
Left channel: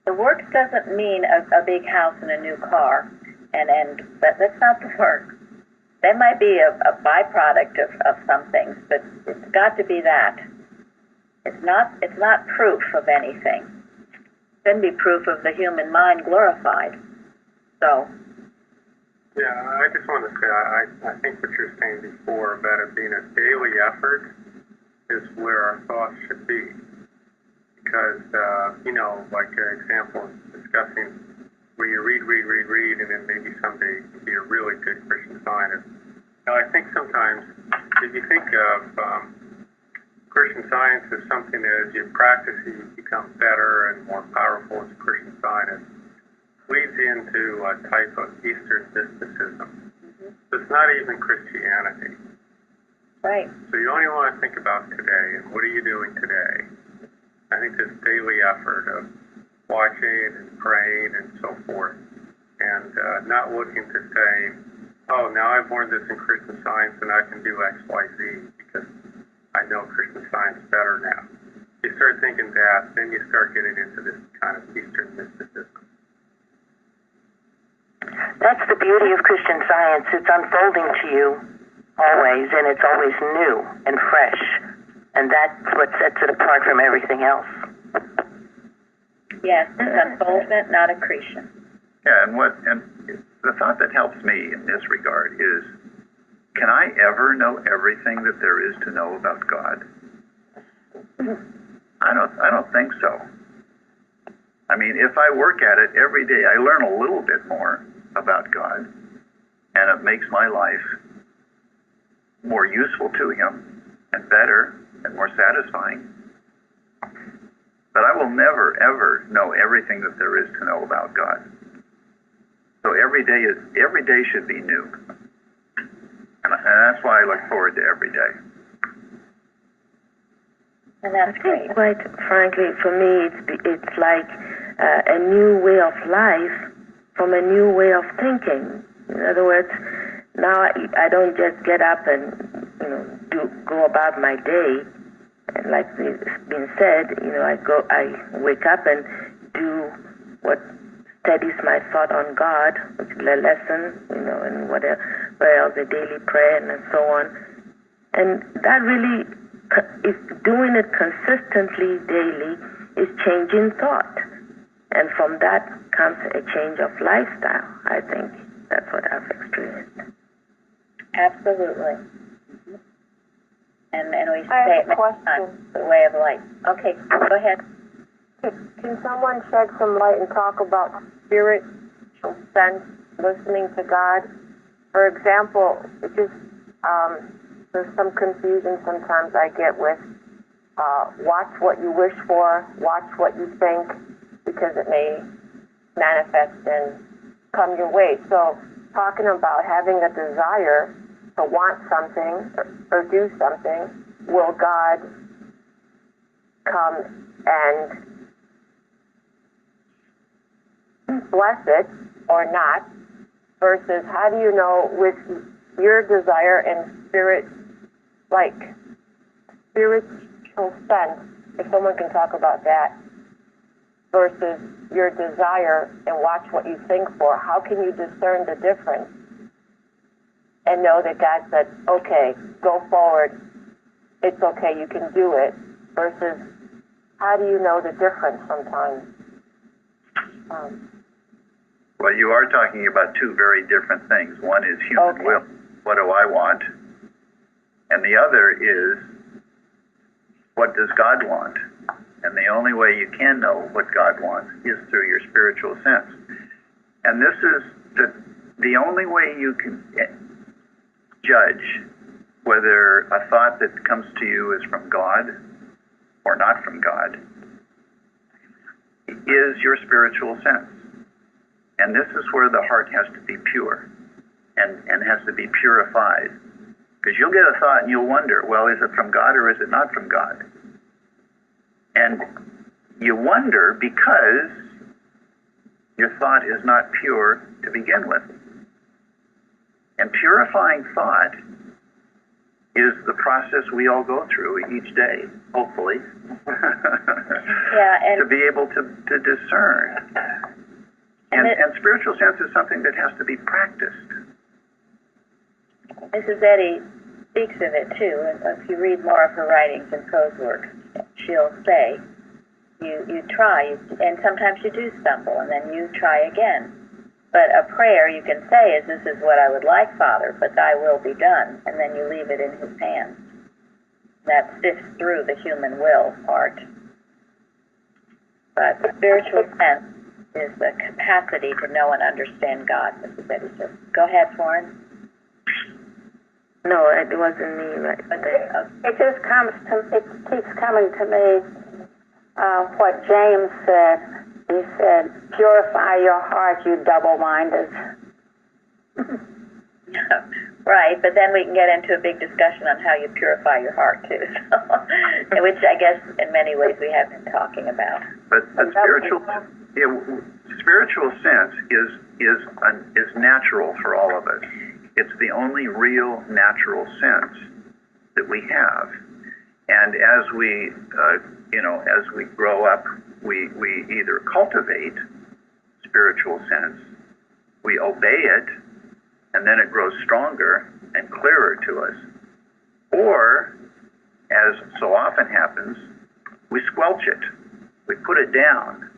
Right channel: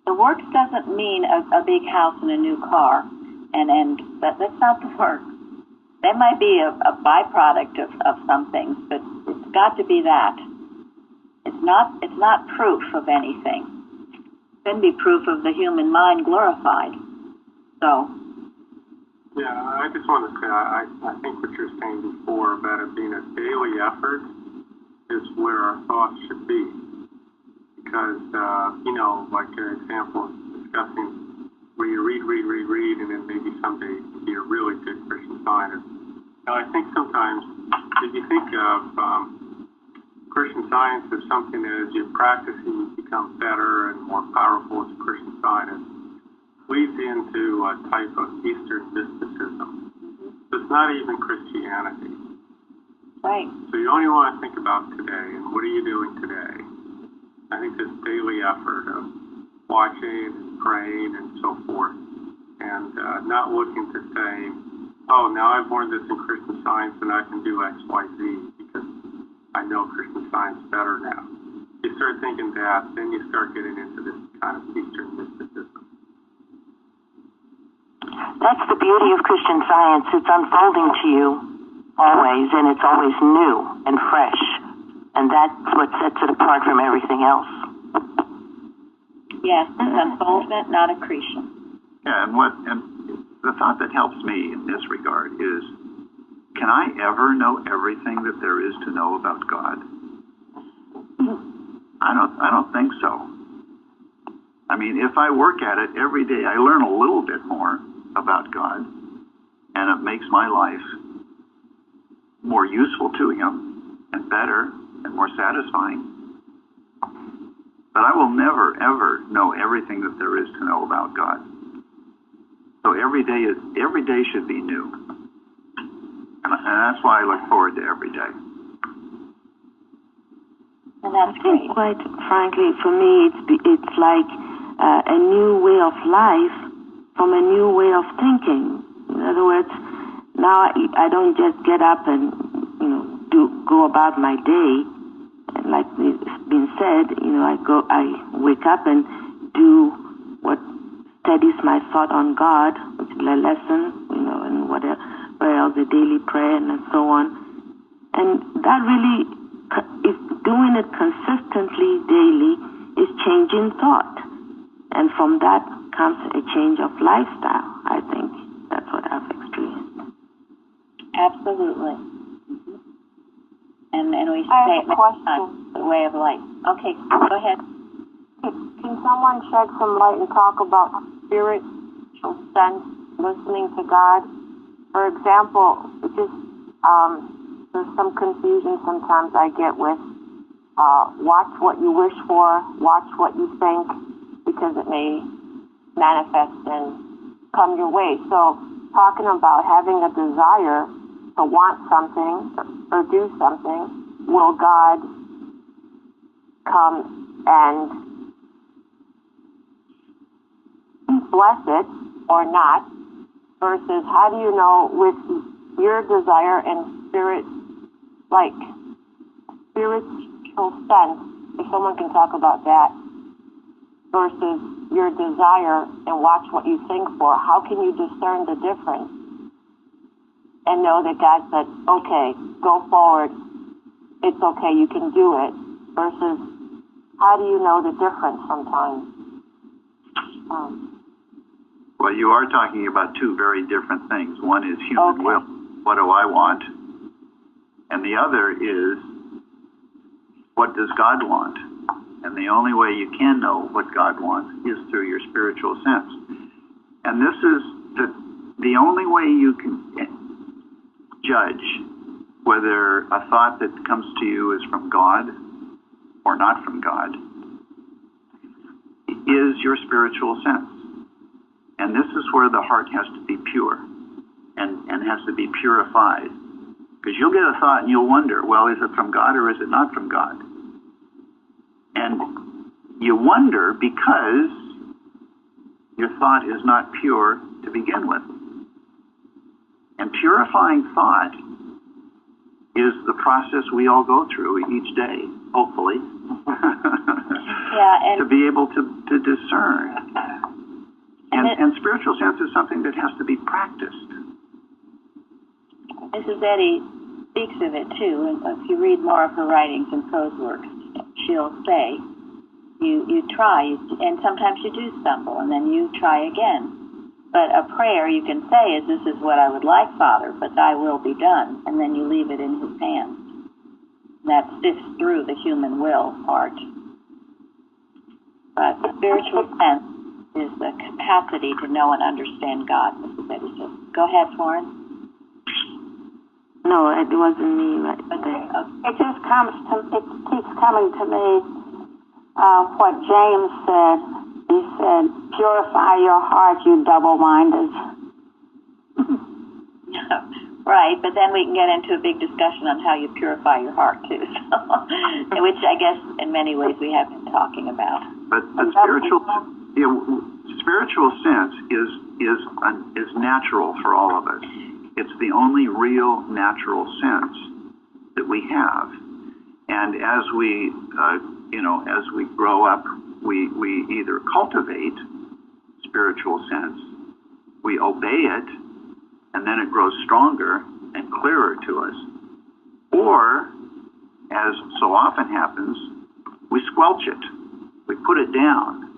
The work doesn't mean a big house and a new car. But that's not the work. That might be a byproduct of some things, but it's got to be that. It's not proof of anything. It can be proof of the human mind glorified. So. Yeah, I just want to say, I think what you're saying before about it being a daily effort is where our thoughts should be. Because, like an example, discussing where you read, and then maybe someday you can be a really good Christian Scientist. Now, I think sometimes, if you think of Christian Science as something that as you practice, you become better and more powerful as a Christian Scientist, leads into a type of Eastern mysticism. So it's not even Christianity. Right. So you only want to think about today, and what are you doing today? I think this daily effort of watching and praying and so forth, and not looking to say, oh, now I've learned this in Christian Science and I can do X, Y, Z because I know Christian Science better now. You start thinking that, then you start getting into this kind of Eastern mysticism. That's the beauty of Christian Science. It's unfolding to you always, and it's always new and fresh. And that's what sets it apart from everything else. Yes, it's unfoldment, not accretion. Yeah, and the thought that helps me in this regard is, can I ever know everything that there is to know about God? I don't think so. I mean, if I work at it every day, I learn a little bit more about God, and it makes my life more useful to Him and better and more satisfying. But I will never, ever know everything that there is to know about God. So every day should be new. And that's why I look forward to every day. And that's great. Quite frankly, for me, it's like a new way of life from a new way of thinking. In other words, now I don't just get up and go about my day. And like it's been said, I wake up and do what steadies my thought on God, which is a lesson, and whatever else, the daily prayer and so on. And that really is doing it consistently daily is changing thought. And from that comes a change of lifestyle. I think that's what I've experienced. Absolutely. And we I say have a question. The way of life. Okay, go ahead. Can someone shed some light and talk about spiritual sense, listening to God? For example, there's some confusion sometimes I get with watch what you wish for, watch what you think, because it may manifest and come your way. So talking about having a desire to want something or do something, will God come and bless it or not? Versus how do you know with your desire and spirit, like spiritual sense, if someone can talk about that, versus your desire and watch what you think for, how can you discern the difference and know that God said, okay, go forward, it's okay, you can do it, versus how do you know the difference sometimes? Well, you are talking about two very different things. One is human will. What do I want? And the other is, what does God want? And the only way you can know what God wants is through your spiritual sense. And this is the only way you can judge whether a thought that comes to you is from God or not from God is your spiritual sense. And this is where the heart has to be pure and has to be purified. Because you'll get a thought and you'll wonder, well, is it from God or is it not from God? And you wonder because your thought is not pure to begin with. And purifying thought is the process we all go through each day, hopefully, and to be able to discern. And spiritual sense is something that has to be practiced. Mrs. Eddy speaks of it too, and if you read more of her writings and prose works, she'll say, you try, and sometimes you do stumble, and then you try again. But a prayer you can say is, this is what I would like, Father, but thy will be done, and then you leave it in his hands. That sifts through the human will part. But spiritual sense is the capacity to know and understand God, Mrs. Eddy says. Go ahead, Florence. No, it wasn't me right there. It just it keeps coming to me what James said. He said, purify your heart, you double-minded. Right, but then we can get into a big discussion on how you purify your heart, too, so, which I guess in many ways we have been talking about. But spiritual sense is natural for all of us. It's the only real natural sense that we have. And as we, as we grow up, we either cultivate spiritual sense, we obey it, and then it grows stronger and clearer to us. Or, as so often happens, we squelch it. We put it down.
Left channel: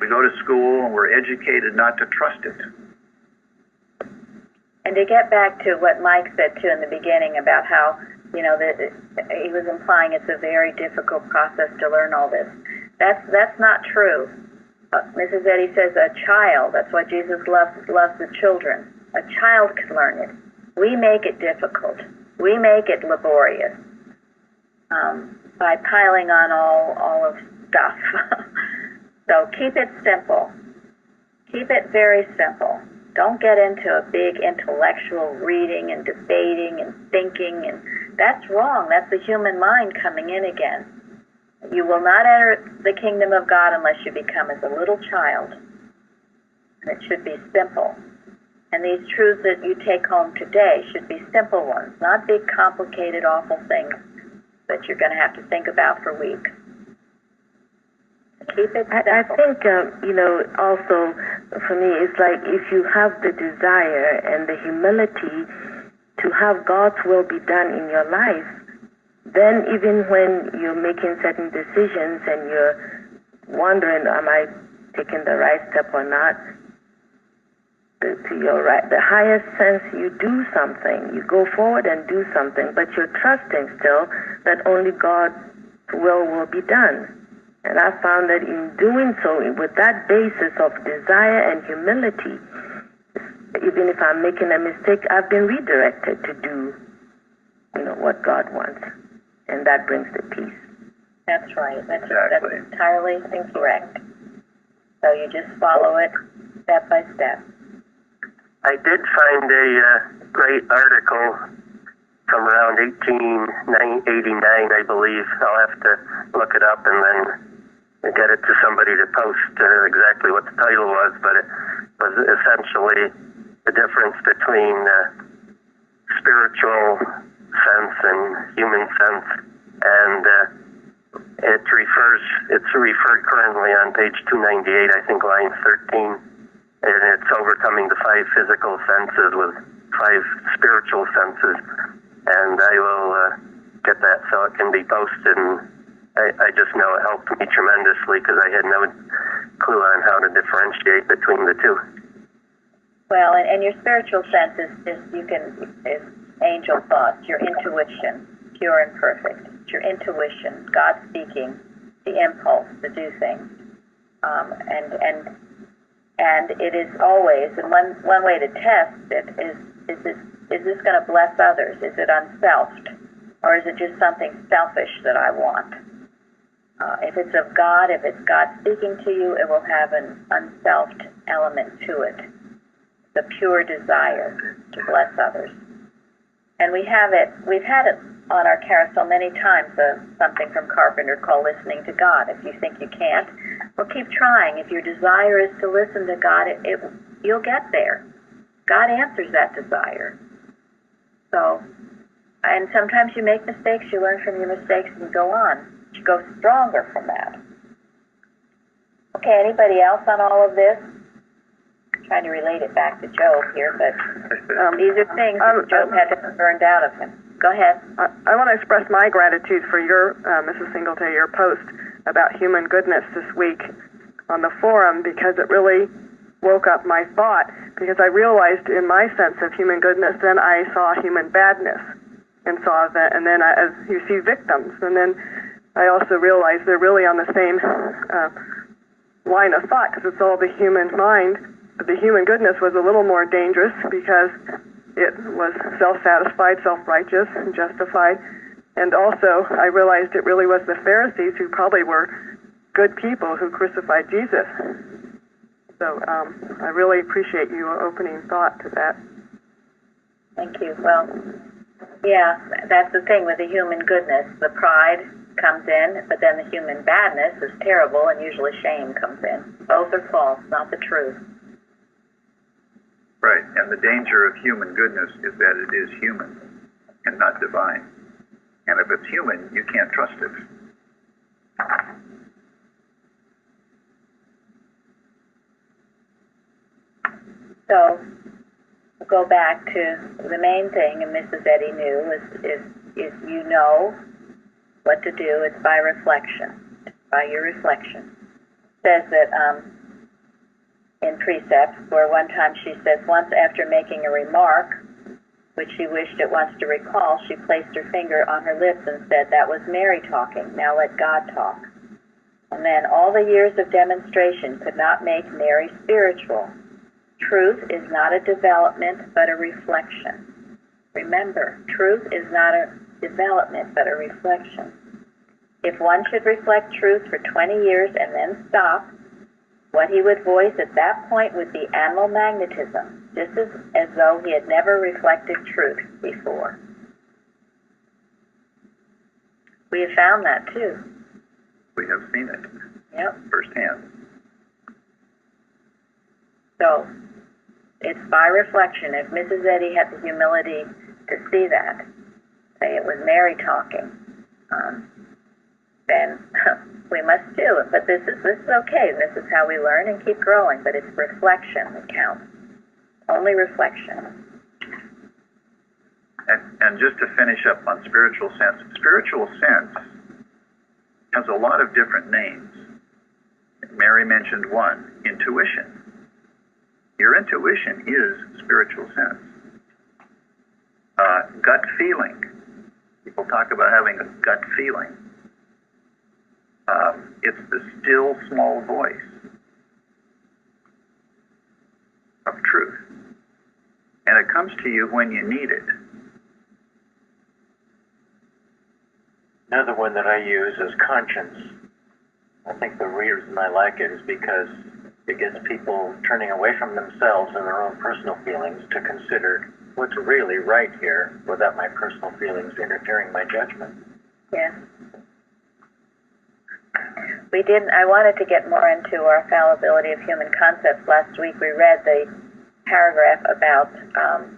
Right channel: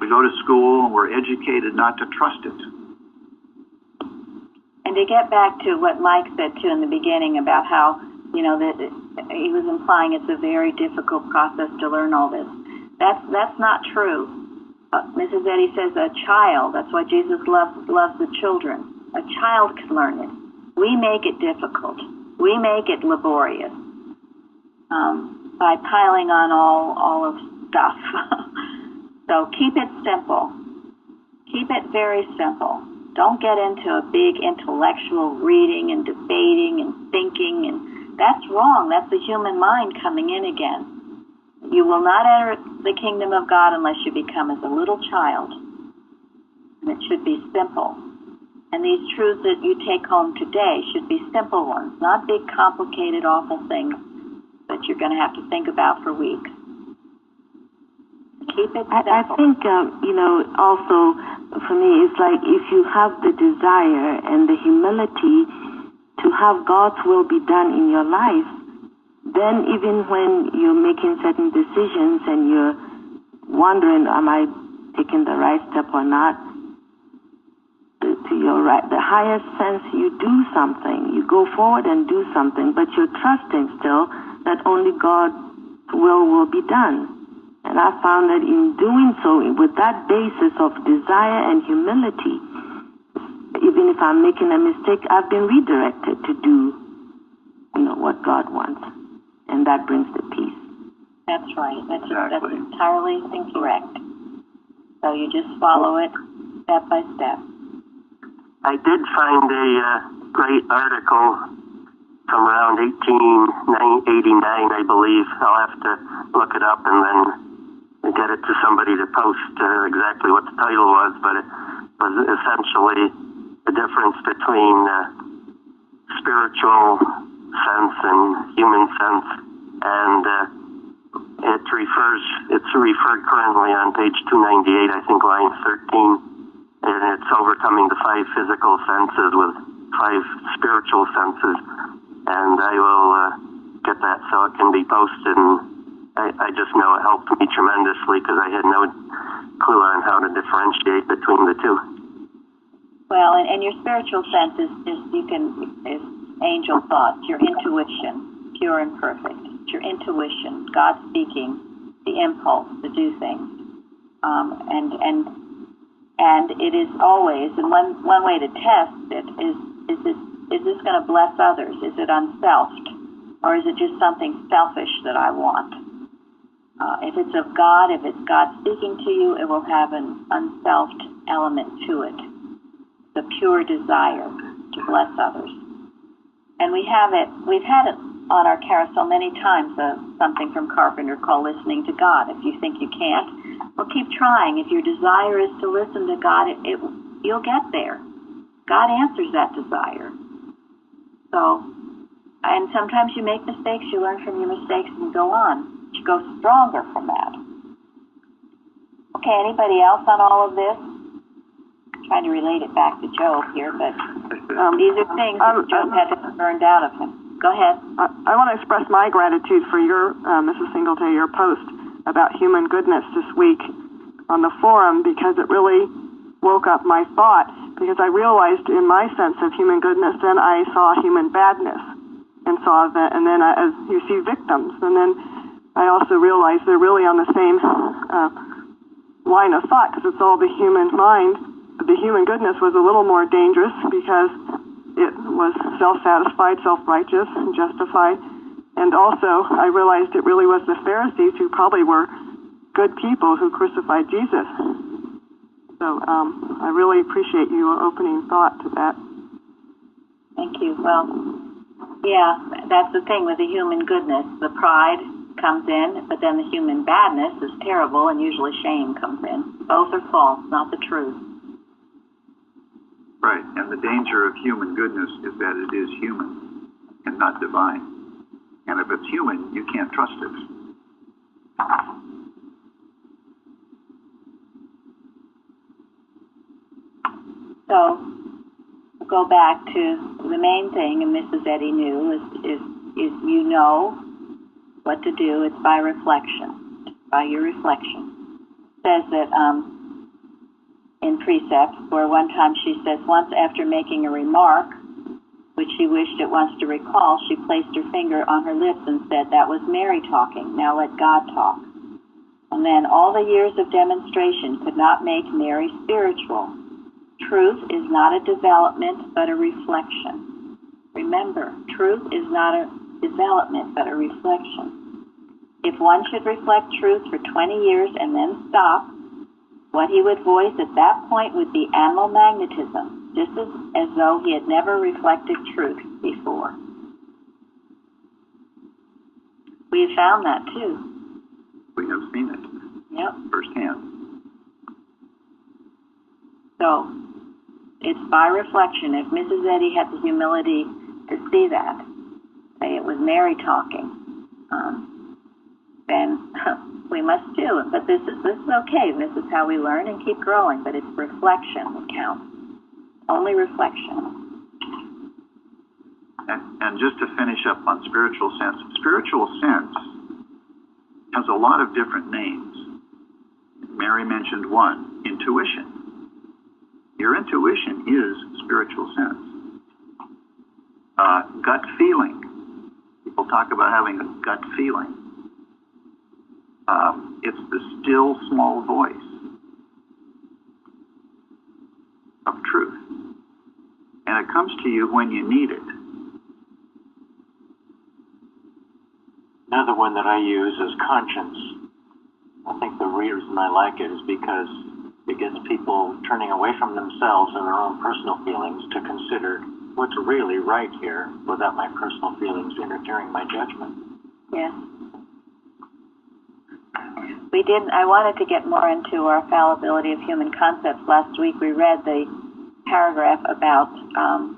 We go to school and we're educated not to trust it. And to get back to what Mike said, too, in the beginning about how, he was implying it's a very difficult process to learn all this. That's not true. Mrs. Eddy says a child, that's why Jesus loves the children. A child can learn it. We make it difficult. We make it laborious by piling on all of stuff. So keep it simple. Keep it very simple. Don't get into a big intellectual reading and debating and thinking, and that's wrong. That's the human mind coming in again. You will not enter the kingdom of God unless you become as a little child. And it should be simple. And these truths that you take home today should be simple ones, not big, complicated, awful things that you're going to have to think about for weeks. Keep it simple. I think, also for me, it's like if you have the desire and the humility to have God's will be done in your life, then even when you're making certain decisions and you're wondering, am I taking the right step or not, to your right, the highest sense, you do something. You go forward and do something, but you're trusting still that only God's will be done. And I found that in doing so, with that basis of desire and humility, even if I'm making a mistake, I've been redirected to do, what God wants. And that brings the peace. That's right. That's Exactly. That's entirely correct. So you just follow it step by step. I did find a great article from around 1889, I believe. I'll have to look it up and then get it to somebody to post exactly what the title was, but it was essentially the difference between spiritual sense and human sense, and it's referred currently on page 298, I think, line 13, and it's overcoming the 5 physical senses with 5 spiritual senses, and I will get that so it can be posted, and I just know it helped me tremendously because I had no clue on how to differentiate between the two. Well, and your spiritual sense is angel thoughts, your intuition, pure and perfect. It's your intuition, God speaking, the impulse to do things, and it is always. And one way to test it is this going to bless others? Is it unselfed, or is it just something selfish that I want? If it's of God, if it's God speaking to you, it will have an unselfed element to it. The pure desire to bless others. And we've had it on our carousel many times, something from Carpenter called listening to God. If you think you can't, well, keep trying. If your desire is to listen to God, you'll get there. God answers that desire. So, and sometimes you make mistakes, you learn from your mistakes and you go on. You go stronger from that. Okay, anybody else on all of this? Trying to relate it back to Job here, but these are things that Job had to have burned out of him. Go ahead. I want to express my gratitude for your, Mrs. Singleton, your post about human goodness this week on the forum, because it really woke up my thought, because I realized in my sense of human goodness, then I saw human badness and saw that, and then as you see victims, and then I also realized they're really on the same line of thought, because it's all the human mind. The human goodness was a little more dangerous because it was self-satisfied, self-righteous, and justified. And also, I realized it really was the Pharisees who probably were good people who crucified Jesus. So I really appreciate your opening thought to that. Thank you. Well, yeah, that's the thing with the human goodness. The pride comes in, but then the human badness is terrible, and usually shame comes in. Both are false, not the truth. Right, and the danger of human goodness is that it is human and not divine. And if it's human, you can't trust it. So, we'll go back to the main thing, and Mrs. Eddy knew, is you know what to do. It's by reflection, by your reflection. It says that in precepts, where one time she says, once after making a remark, which she wished at once to recall, she placed her finger on her lips and said, that was Mary talking, now let God talk. And then all the years of demonstration could not make Mary spiritual. Truth is not a development, but a reflection. Remember, truth is not a development, but a reflection. If one should reflect truth for 20 years and then stop, what he would voice at that point would be animal magnetism, just as though he had never reflected truth before. We have found that too. We have seen it. Yep. Firsthand. So, it's by reflection. If Mrs. Eddy had the humility to see that, say it was Mary talking, then we must do it. But this is okay. This is how we learn and keep growing. But it's reflection that counts. Only reflection. And just to finish up on spiritual sense has a lot of different names. Mary mentioned one, intuition. Your intuition is spiritual sense. Gut feeling. People talk about having a gut feeling. It's the still small voice of truth. And it comes to you when you need it. Another one that I use is conscience. I think the reason I like it is because it gets people turning away from themselves and their own personal feelings to consider what's really right here without my personal feelings interfering my judgment. Yes. I wanted to get more into our fallibility of human concepts. Last week we read the paragraph about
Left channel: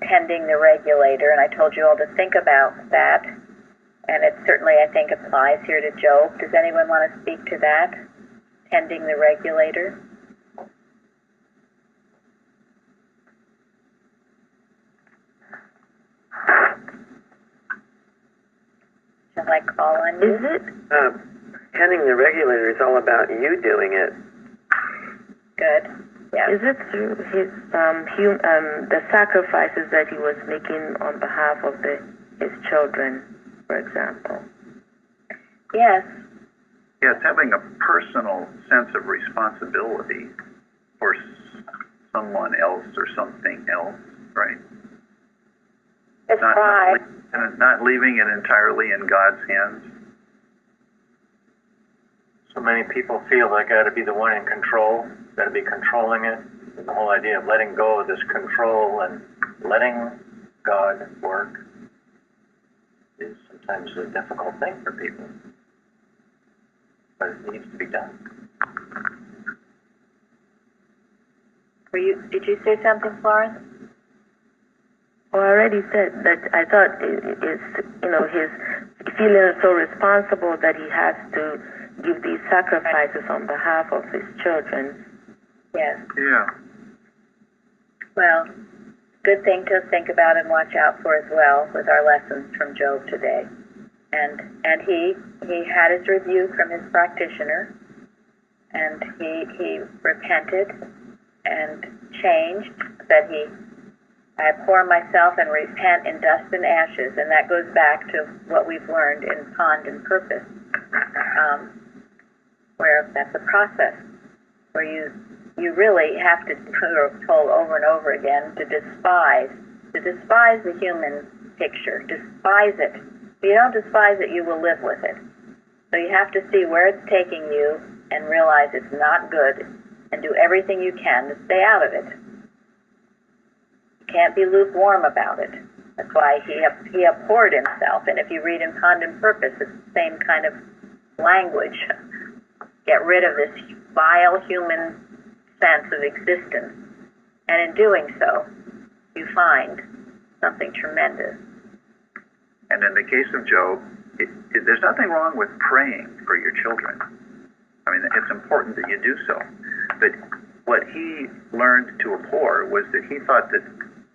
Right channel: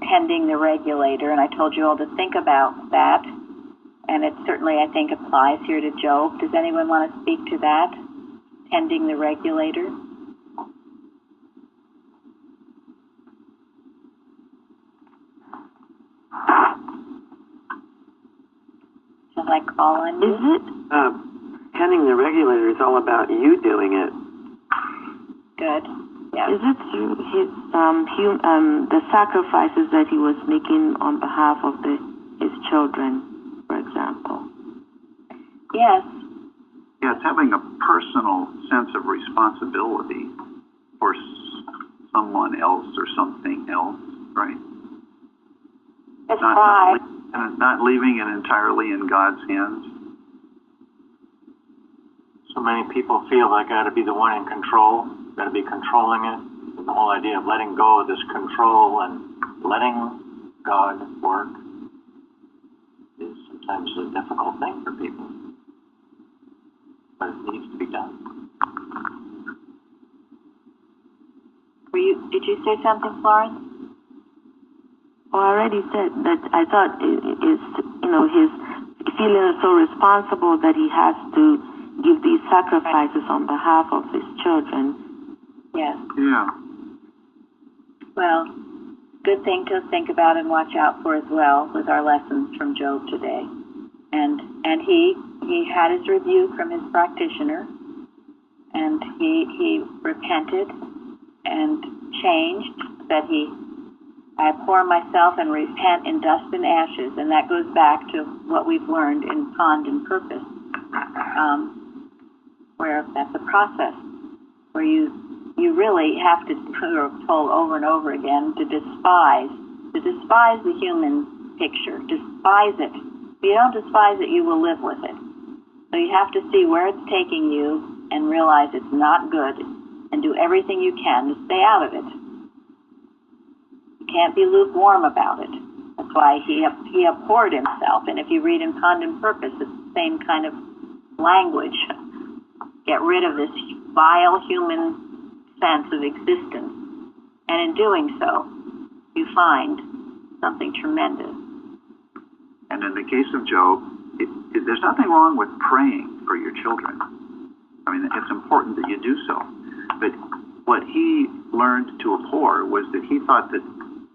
tending the regulator, and I told you all to think about that. And it certainly, I think, applies here to Job. Does anyone want to speak to that? Tending the regulator? Shall I call on you? Is it? Tending the regulator is all about you doing it. Good. Yeah. Is it through his the sacrifices that he was making on behalf of his children, for example? Yes. Yeah, it's having a personal sense of responsibility for someone else or something else, right? It's pride. Not leaving it entirely in God's hands. So many people feel they got to be the one in control, got to be controlling it. And the whole idea of letting go of this control and letting God work is sometimes a difficult thing for people. But it needs to be done. Did you say something, Florence? Well, I already said that I thought is his feeling so responsible that he has to give these sacrifices on behalf of his children. Yes. Yeah. Well, good thing to think about and watch out for as well with our lessons from Job today. And he had his review from his practitioner, and he repented and changed, that I abhor myself and repent in dust and ashes, and that goes back to what we've learned in Pond and Purpose, where that's a process where you really have to, we're told over and over again, to despise the human picture, despise it. If you don't despise it, you will live with it. So you have to see where it's taking you and realize it's not good, and do everything you can to stay out of it. You can't be lukewarm about it. That's why he abhorred himself. And if you read in Pond and Purpose, it's the same kind of language. Get rid of this vile human sense of existence. And in doing so, you find something tremendous. And in the case of Job, there's nothing wrong with praying for your children. I mean, it's important that you do so. But what he learned to abhor was that he thought that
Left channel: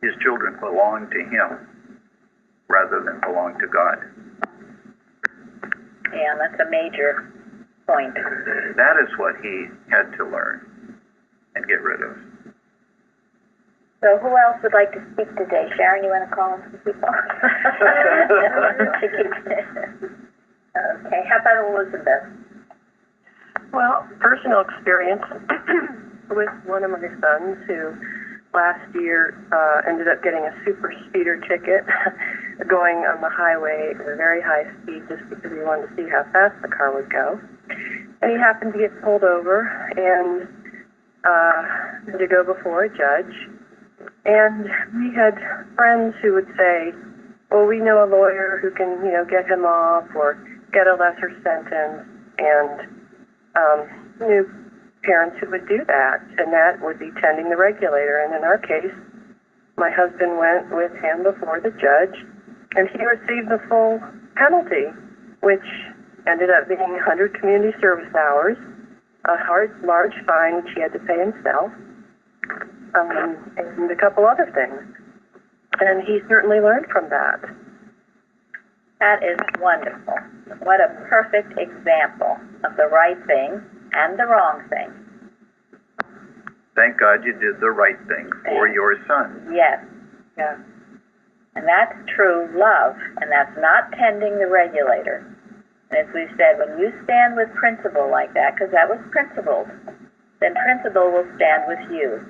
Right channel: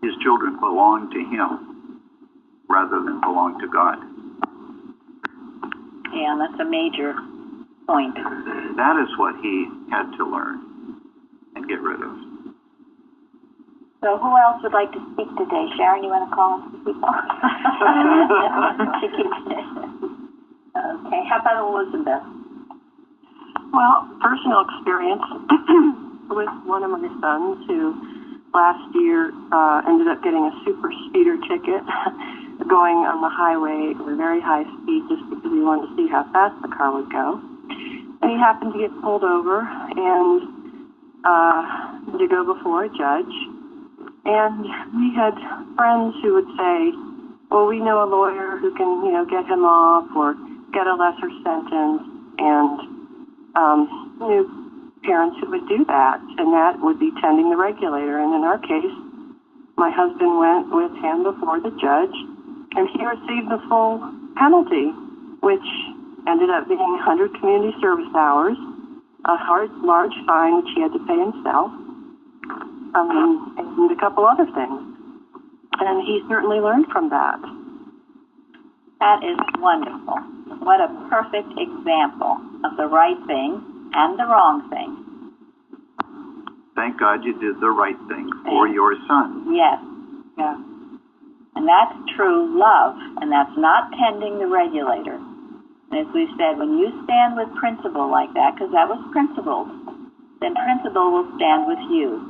his children belonged to him rather than belonged to God. Yeah, and that's a major point. That is what he had to learn and get rid of. So who else would like to speak today? Sharon, you want to call on some people? Okay, how about Elizabeth? Well, personal experience with one of my sons who last year ended up getting a super speeder ticket going on the highway at a very high speed just because he wanted to see how fast the car would go. And he happened to get pulled over and to go before a judge. And we had friends who would say, well, we know a lawyer who can, get him off or get a lesser sentence, and knew parents who would do that, and that would be tending the regulator. And in our case, my husband went with him before the judge, and he received the full penalty, which ended up being 100 community service hours, a large fine which he had to pay himself, and a couple other things. And he certainly learned from that. That is wonderful. What a perfect example of the right thing and the wrong thing. Thank God you did the right thing for your son. Yes. Yeah. And that's true love, and that's not tending the regulator. And as we've said, when you stand with principle like that, because that was principled, then principle will stand with you.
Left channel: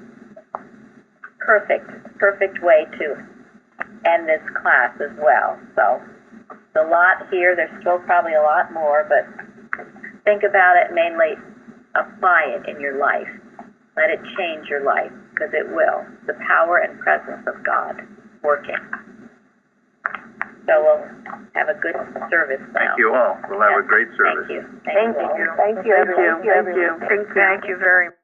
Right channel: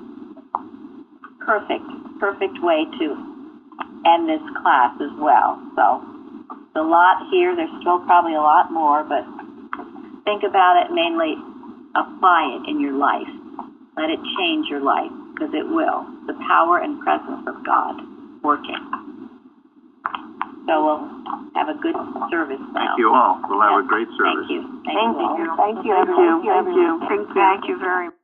Perfect way to end this class as well. So a lot here. There's still probably a lot more, but think about it, mainly apply it in your life. Let it change your life, because it will. The power and presence of God working. So we'll have a good service now. Thank you all. We'll have a great service. Thank you. Thank you. Thank you. Thank you very much.